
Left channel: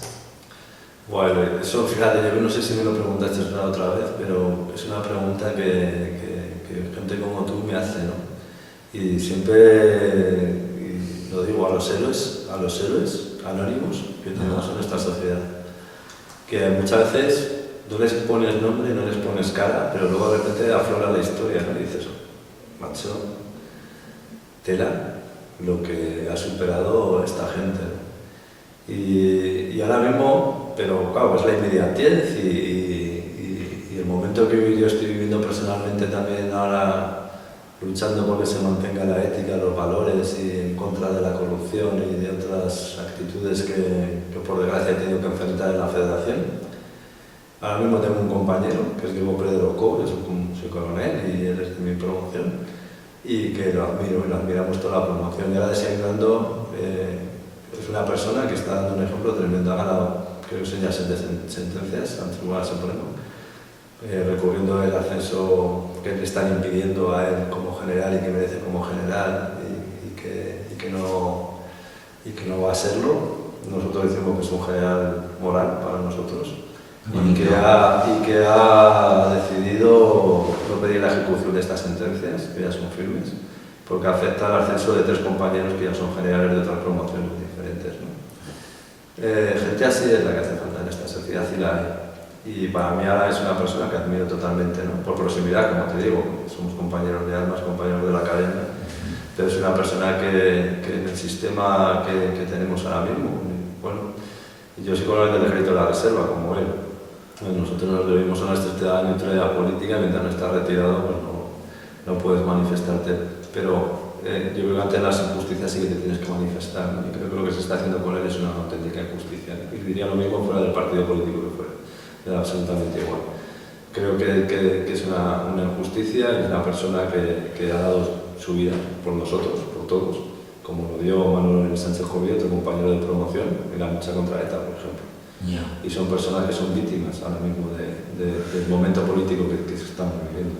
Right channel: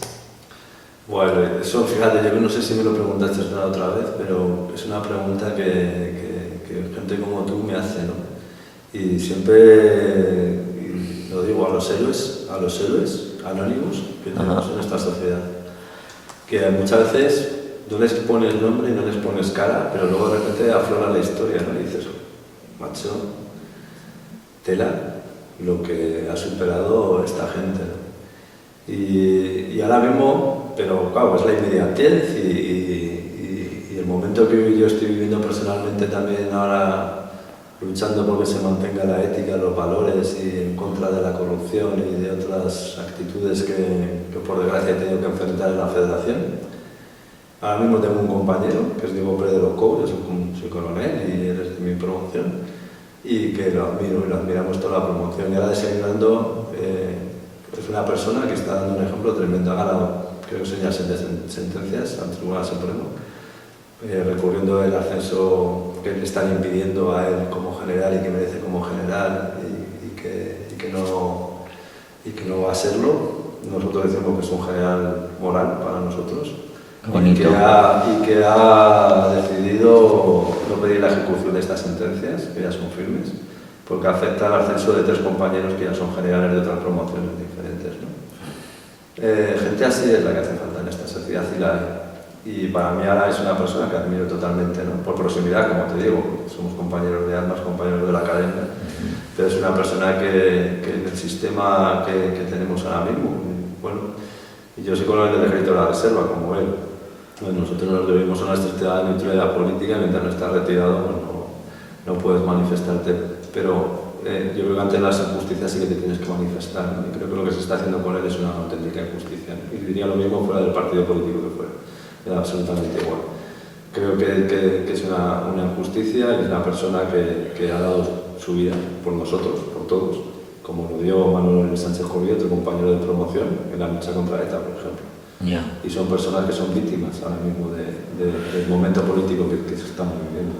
Bueno, eso, fíjate, yo no sé si me lo preguntaste la otra vez, pero es una pregunta que gente como tú me hace, ¿no? Y siempre lo digo a los héroes anónimos que tenemos en esta sociedad, que muchas veces no les pones nombre y no les pones cara, pero luego de repente aflora la historia, ¿no? Y dices, macho, tela lo que ha superado esta gente, ¿no? Y ahora mismo, pero claro, es la inmediatez y el momento que yo estoy viviendo personalmente también ahora, luchando por que se mantenga la ética, los valores y en contra de la corrupción y de otras actitudes que por desgracia he tenido que enfrentar en la federación. Ahora mismo tengo un compañero, que es Diego Pérez de Locó, yo soy coronel y él es de mi promoción, y que lo admiro y lo admiramos toda la promoción. Y ahora desayunando, es una persona que está dando un ejemplo tremendo. Ha ganado, creo que son ya 7 sentencias al Tribunal Supremo, recurriendo el ascenso que le están impidiendo a él como general y que merece como general y que no va a serlo. Nosotros decimos que es un general moral para nosotros. Y que ha decidido no pedir la ejecución de estas sentencias, que ya son firmes, porque acepta el ascenso de 3 compañeros que ya son generales de otras promociones diferentes, ¿no? Gente así es la que hace falta en esta sociedad y la hay. Y para mí ahora es una persona que admiro totalmente, ¿no? Por proximidad, como te digo, somos compañeros de armas, compañeros de la academia, pero es una persona que en el sistema que tenemos ahora mismo, bueno, y yo soy coronel del Ejército de la Reserva, como él. Bueno, nosotros nos debemos a una estricta neutralidad política, mientras no estás retirado, pues no puedes manifestarte. Pero yo creo que ante las injusticias sí que te tienes que manifestar, ¿no? Y creo que lo que se está haciendo con él es una auténtica injusticia, ¿no? Y diría lo mismo fuera del partido político que fuera, era absolutamente igual. Creo que es una injusticia y es una persona que ha dado su vida por nosotros, por todos, como lo dio Manuel Sánchez Joví, otro compañero de promoción, en la lucha contra ETA, por ejemplo. Yeah. Y son personas que son víctimas ahora mismo del momento político que estamos viviendo.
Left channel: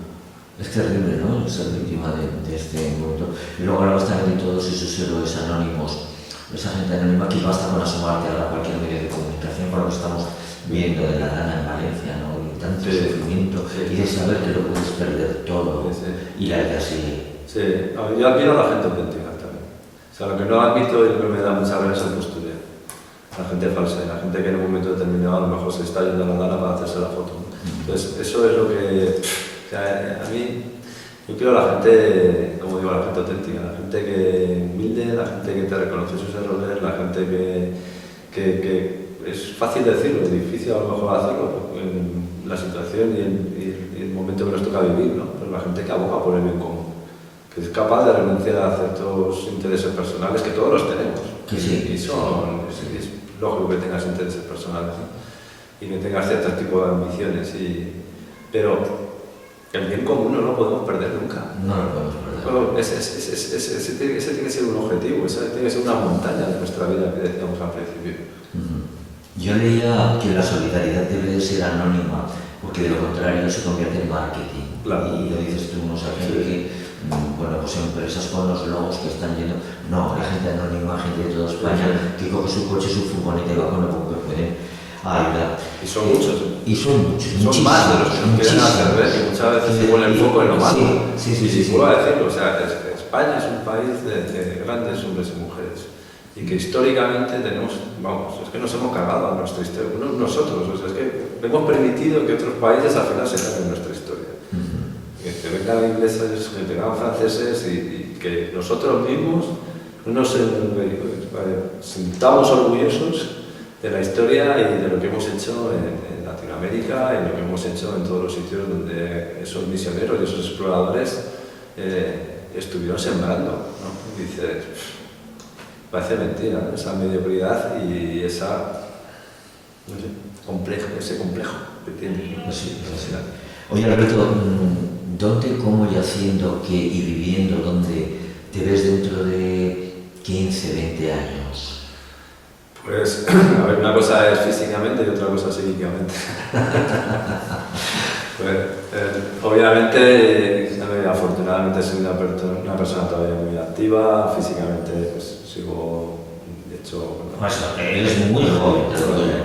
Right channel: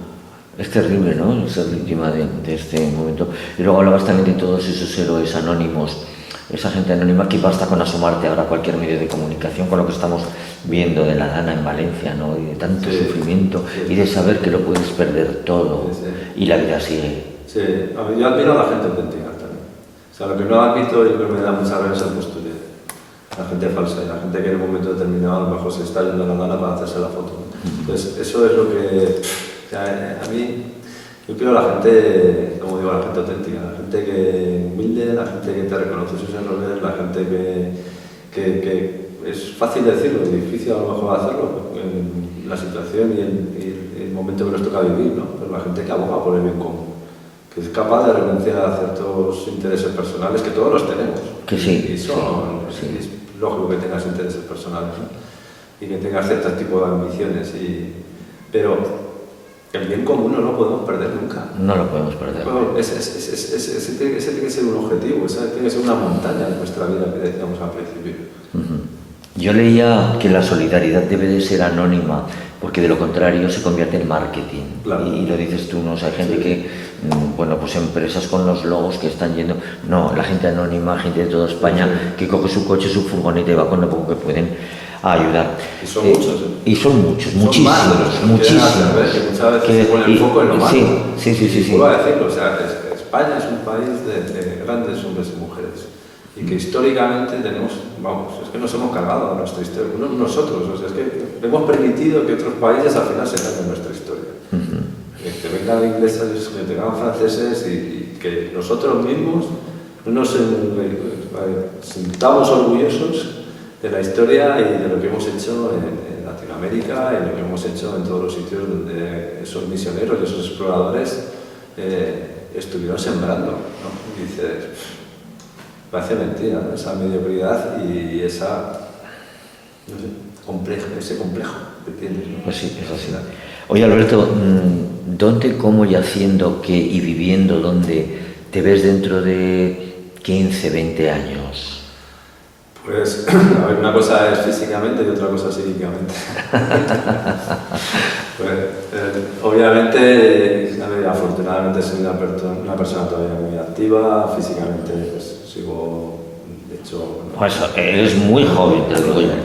Es terrible, ¿no? Ser víctima de este momento. Y luego hablabas también de todos esos héroes anónimos, esa gente anónima que basta con asomarte ahora a cualquier medio de comunicación con lo que estamos viendo de la Dana en Valencia, ¿no? Y de tanto sufrimiento y de saber que lo puedes perder todo y la vida sigue. Sí, yo admiro a la gente auténtica también. O sea, lo que no admito y lo que me da mucha rabia es el postureo. La gente falsa y la gente que en un momento determinado a lo mejor se está yendo a la Dana para hacerse la foto. Entonces, eso es lo que... O sea, a mí, yo quiero a la gente, como digo, a la gente auténtica, la gente que humilde, la gente que te reconoce sus errores, la gente que es fácil decirlo, es difícil a lo mejor hacerlo, en la situación y el momento que nos toca vivir, ¿no? Pero la gente que aboga por el bien común, que es capaz de renunciar a ciertos intereses personales, que todos los tenemos. Que sí. Es lógico que tengas intereses personales, ¿no? Y que tengas cierto tipo de ambiciones, pero el bien común no lo podemos perder nunca. No lo podemos perder. Ese tiene que ser un objetivo, esa tiene que ser una montaña de nuestra vida que decíamos al principio. Yo leía que la solidaridad debe de ser anónima, porque de lo contrario se convierte en marketing. Claro. Y lo dices tú, ¿no? O sea, hay gente que, bueno, pues empresas con los logos que están yendo... No, la gente anónima, gente de toda España, que coge su coche, su furgoneta y va con lo poco que pueden a ayudar. Y son muchos. Y son muchos, son muchísimos. Más de los que quieren hacer ver, que muchas veces se pone el foco en lo malo. Sí. Vuelvo a decirlo, o sea, es España es un país de grandes hombres y mujeres y que históricamente tenemos, es que nos hemos cargado a nuestra historia, nosotros, o sea, es que hemos permitido que otros países al final se carguen nuestra historia. Que vengan ingleses, que vengan franceses y que nosotros mismos nos sintamos orgullosos de la historia y de lo que hemos hecho en Latinoamérica y lo que hemos hecho en todos los sitios donde esos misioneros y esos exploradores estuvieron sembrando, ¿no? Y dices, parece mentira, ¿no? Esa mediocridad y esa, no sé, ese complejo que tienes, ¿no? Pues sí, es así. Oye, Alberto, ¿dónde, cómo y haciendo qué y viviendo dónde te ves dentro de 15, 20 años? Pues, a ver, una cosa es físicamente y otra cosa psíquicamente. Pues, obviamente, afortunadamente soy una persona todavía muy activa, físicamente pues sigo, de hecho... Pues eres muy joven.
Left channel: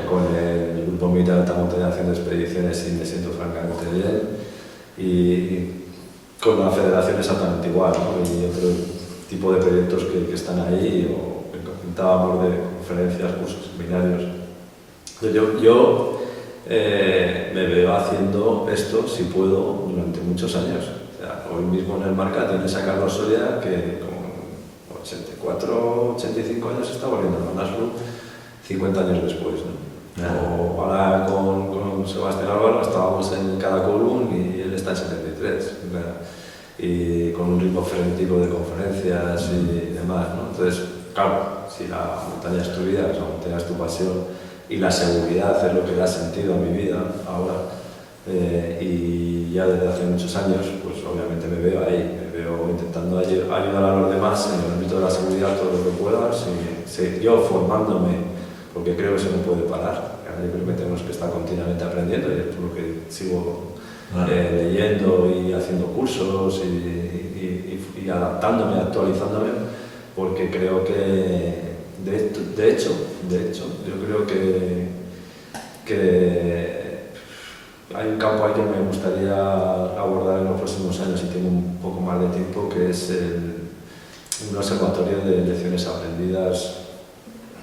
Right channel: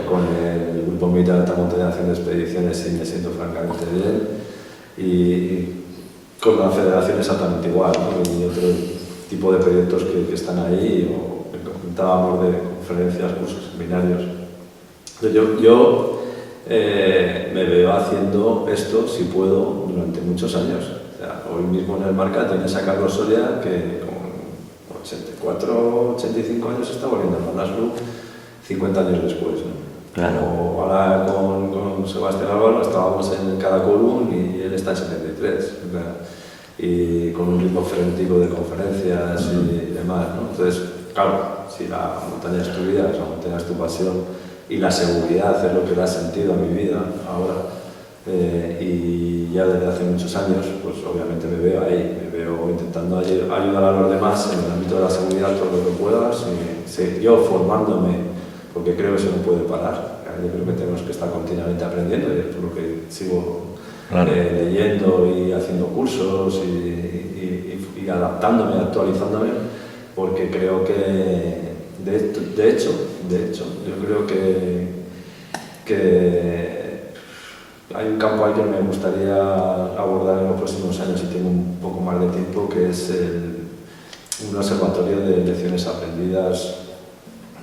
Con el Grupo Militar de Alta Montaña haciendo expediciones y me siento francamente bien. Y con la federación exactamente igual, ¿no? Y otro tipo de proyectos que están ahí, o que comentábamos de conferencias, cursos, seminarios. Yo me veo haciendo esto, si puedo, durante muchos años. O sea, hoy mismo en el Marca tienes a Carlos Soria, que con 84, 85 años está volviendo a Manaslu 50 años después, ¿no? Claro. O ahora con Sebastián Álvaro estábamos en Caracolum y él está en 73. Y con un ritmo frenético de conferencias y demás, ¿no? Entonces, claro, si la montaña es tu vida, la montaña es tu pasión y la seguridad es lo que da sentido a mi vida ahora, y ya desde hace muchos años, pues obviamente me veo ahí, me veo intentando ayudar a los demás en el ámbito de la seguridad todo lo que pueda, yo formándome, porque creo que eso no puede parar. Yo creo que tenemos que estar continuamente aprendiendo y es por lo que sigo leyendo y haciendo cursos y adaptándome, actualizándome, porque creo que de hecho yo creo que hay un campo ahí que me gustaría abordar en los próximos años y tengo un poco más de tiempo, que es un observatorio de lecciones aprendidas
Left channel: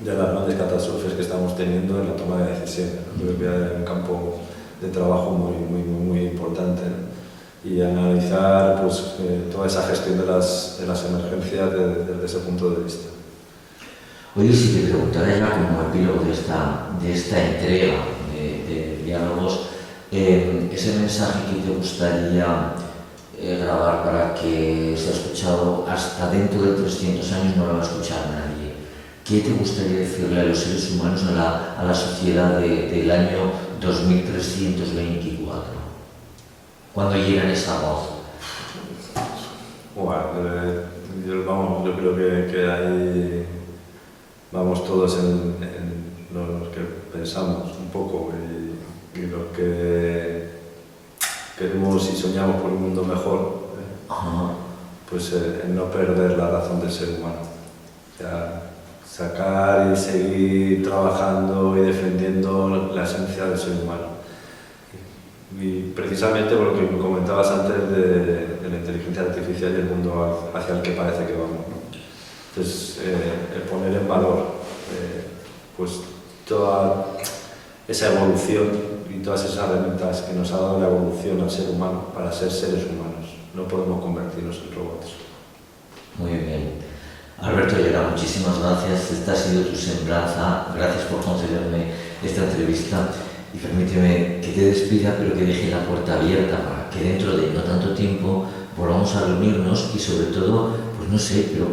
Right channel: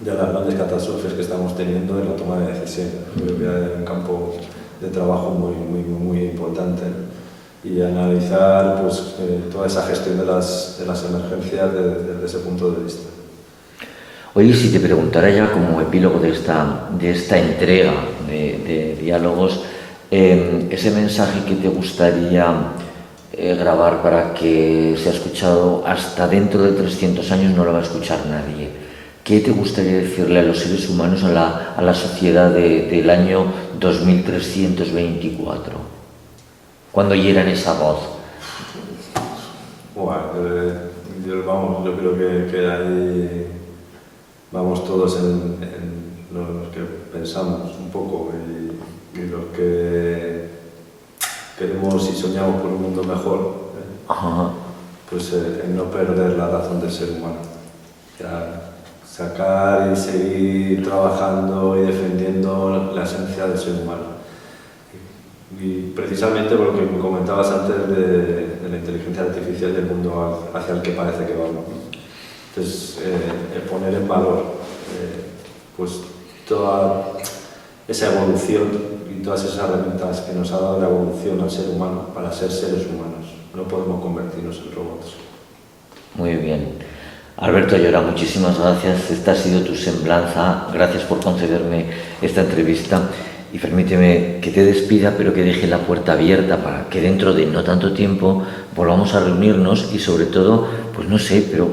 de las grandes catástrofes que estamos teniendo en la toma de decisiones. Creo que hay un campo de trabajo muy importante, ¿no? Y analizar pues, toda esa gestión de las emergencias desde ese punto de vista. Oye, si te preguntara ya como epílogo de esta entrega de diálogos, ese mensaje que te gustaría grabar para que sea escuchado hasta dentro de 300 años, no lo va a escuchar nadie. ¿Qué te gustaría decirle a los seres humanos, a la sociedad del año 2324? Cuando oyeran esa voz. Bueno, yo creo que ahí vamos todos en los que pensamos un poco y los que queremos y soñamos por un mundo mejor, pues en no perder la razón del ser humano. O sea, sacar y seguir trabajando y defendiendo la esencia del ser humano. Y precisamente por lo que me comentabas antes de la inteligencia artificial y el mundo hacia el que parece que vamos, ¿no? Entonces, el poner en valor pues toda esa evolución y todas esas herramientas que nos ha dado la evolución al ser humano para ser seres humanos. No podemos convertirnos en robots. Muy bien. Alberto Ayora, muchísimas gracias. Esta ha sido tu semblanza. Gracias por concederme esta entrevista. Y permíteme que te despida, pero que deje la puerta abierta para que dentro de no tanto tiempo volvamos a reunirnos y sobre todo, pues no sé, pero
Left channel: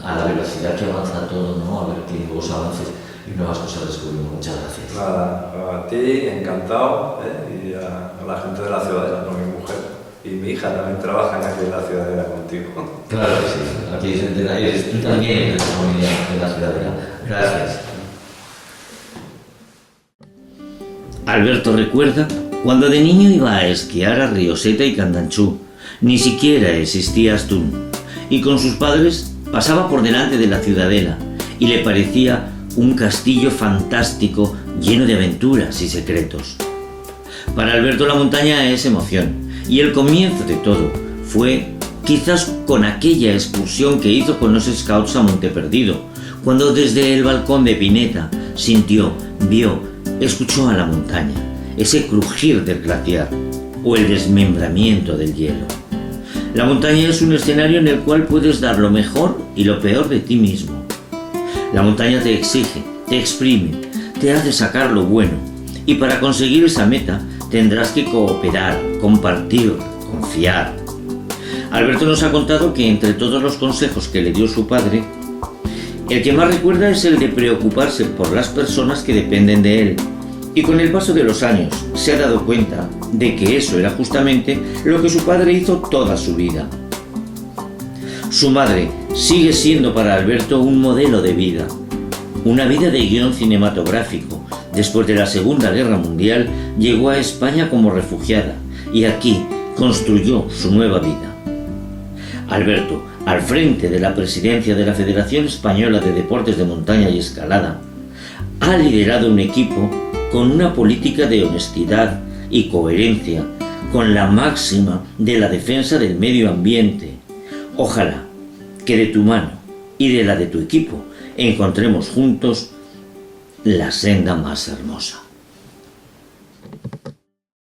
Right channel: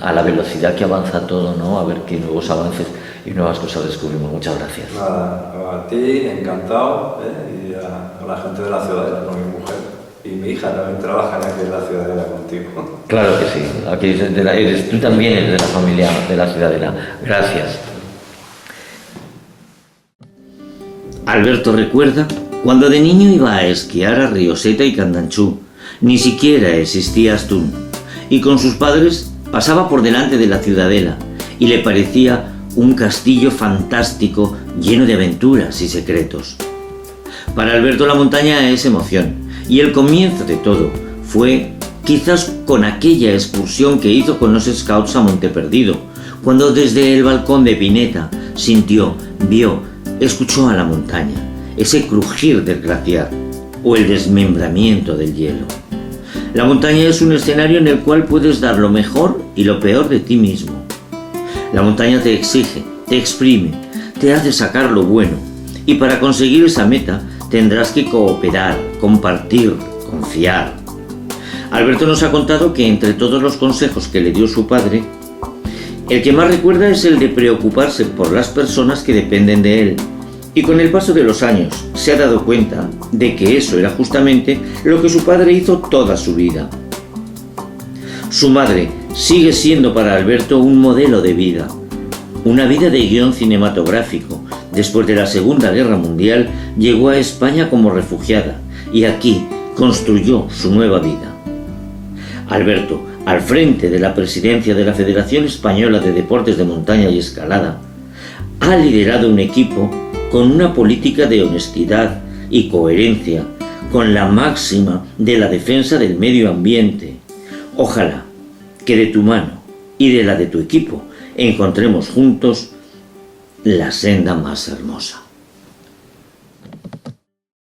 a la velocidad que avanza todo, ¿no? A ver qué nuevos avances y nuevas cosas descubrimos. Muchas gracias. Nada, a ti, encantado, y a la gente de la Ciudadela, con mi mujer. Y mi hija también trabaja aquí en la Ciudadela contigo. Claro que sí, aquí tú también eres de la familia de la Ciudadela. Gracias. Alberto recuerda cuando de niño iba a esquiar a Rioseta y Candanchú. Ni siquiera existía Astún. Y con sus padres pasaba por delante de la Ciudadela y le parecía un castillo fantástico lleno de aventuras y secretos. Para Alberto la montaña es emoción y el comienzo de todo fue quizás con aquella excursión que hizo con los Scouts a Monte Perdido, cuando desde el balcón de Pineta sintió, vio, escuchó a la montaña, ese crujir del glaciar o el desmembramiento del hielo. La montaña es un escenario en el cual puedes dar lo mejor y lo peor de ti mismo. La montaña te exige, te exprime, te hace sacar lo bueno, y para conseguir esa meta tendrás que cooperar, compartir, confiar. Alberto nos ha contado que entre todos los consejos que le dio su padre, el que más recuerda es el de preocuparse por las personas que dependen de él, y con el paso de los años se ha dado cuenta de que eso era justamente lo que su padre hizo toda su vida. Su madre sigue siendo para Alberto un modelo de vida, una vida de guión cinematográfico. Después de la Segunda Guerra Mundial llegó a España como refugiada y aquí construyó su nueva vida. Alberto, al frente de la presidencia de la Federación Española de Deportes de Montaña y Escalada, ha liderado un equipo con una política de honestidad y coherencia, con la máxima de la defensa del medio ambiente. Ojalá que de tu mano y de la de tu equipo encontremos juntos la senda más hermosa.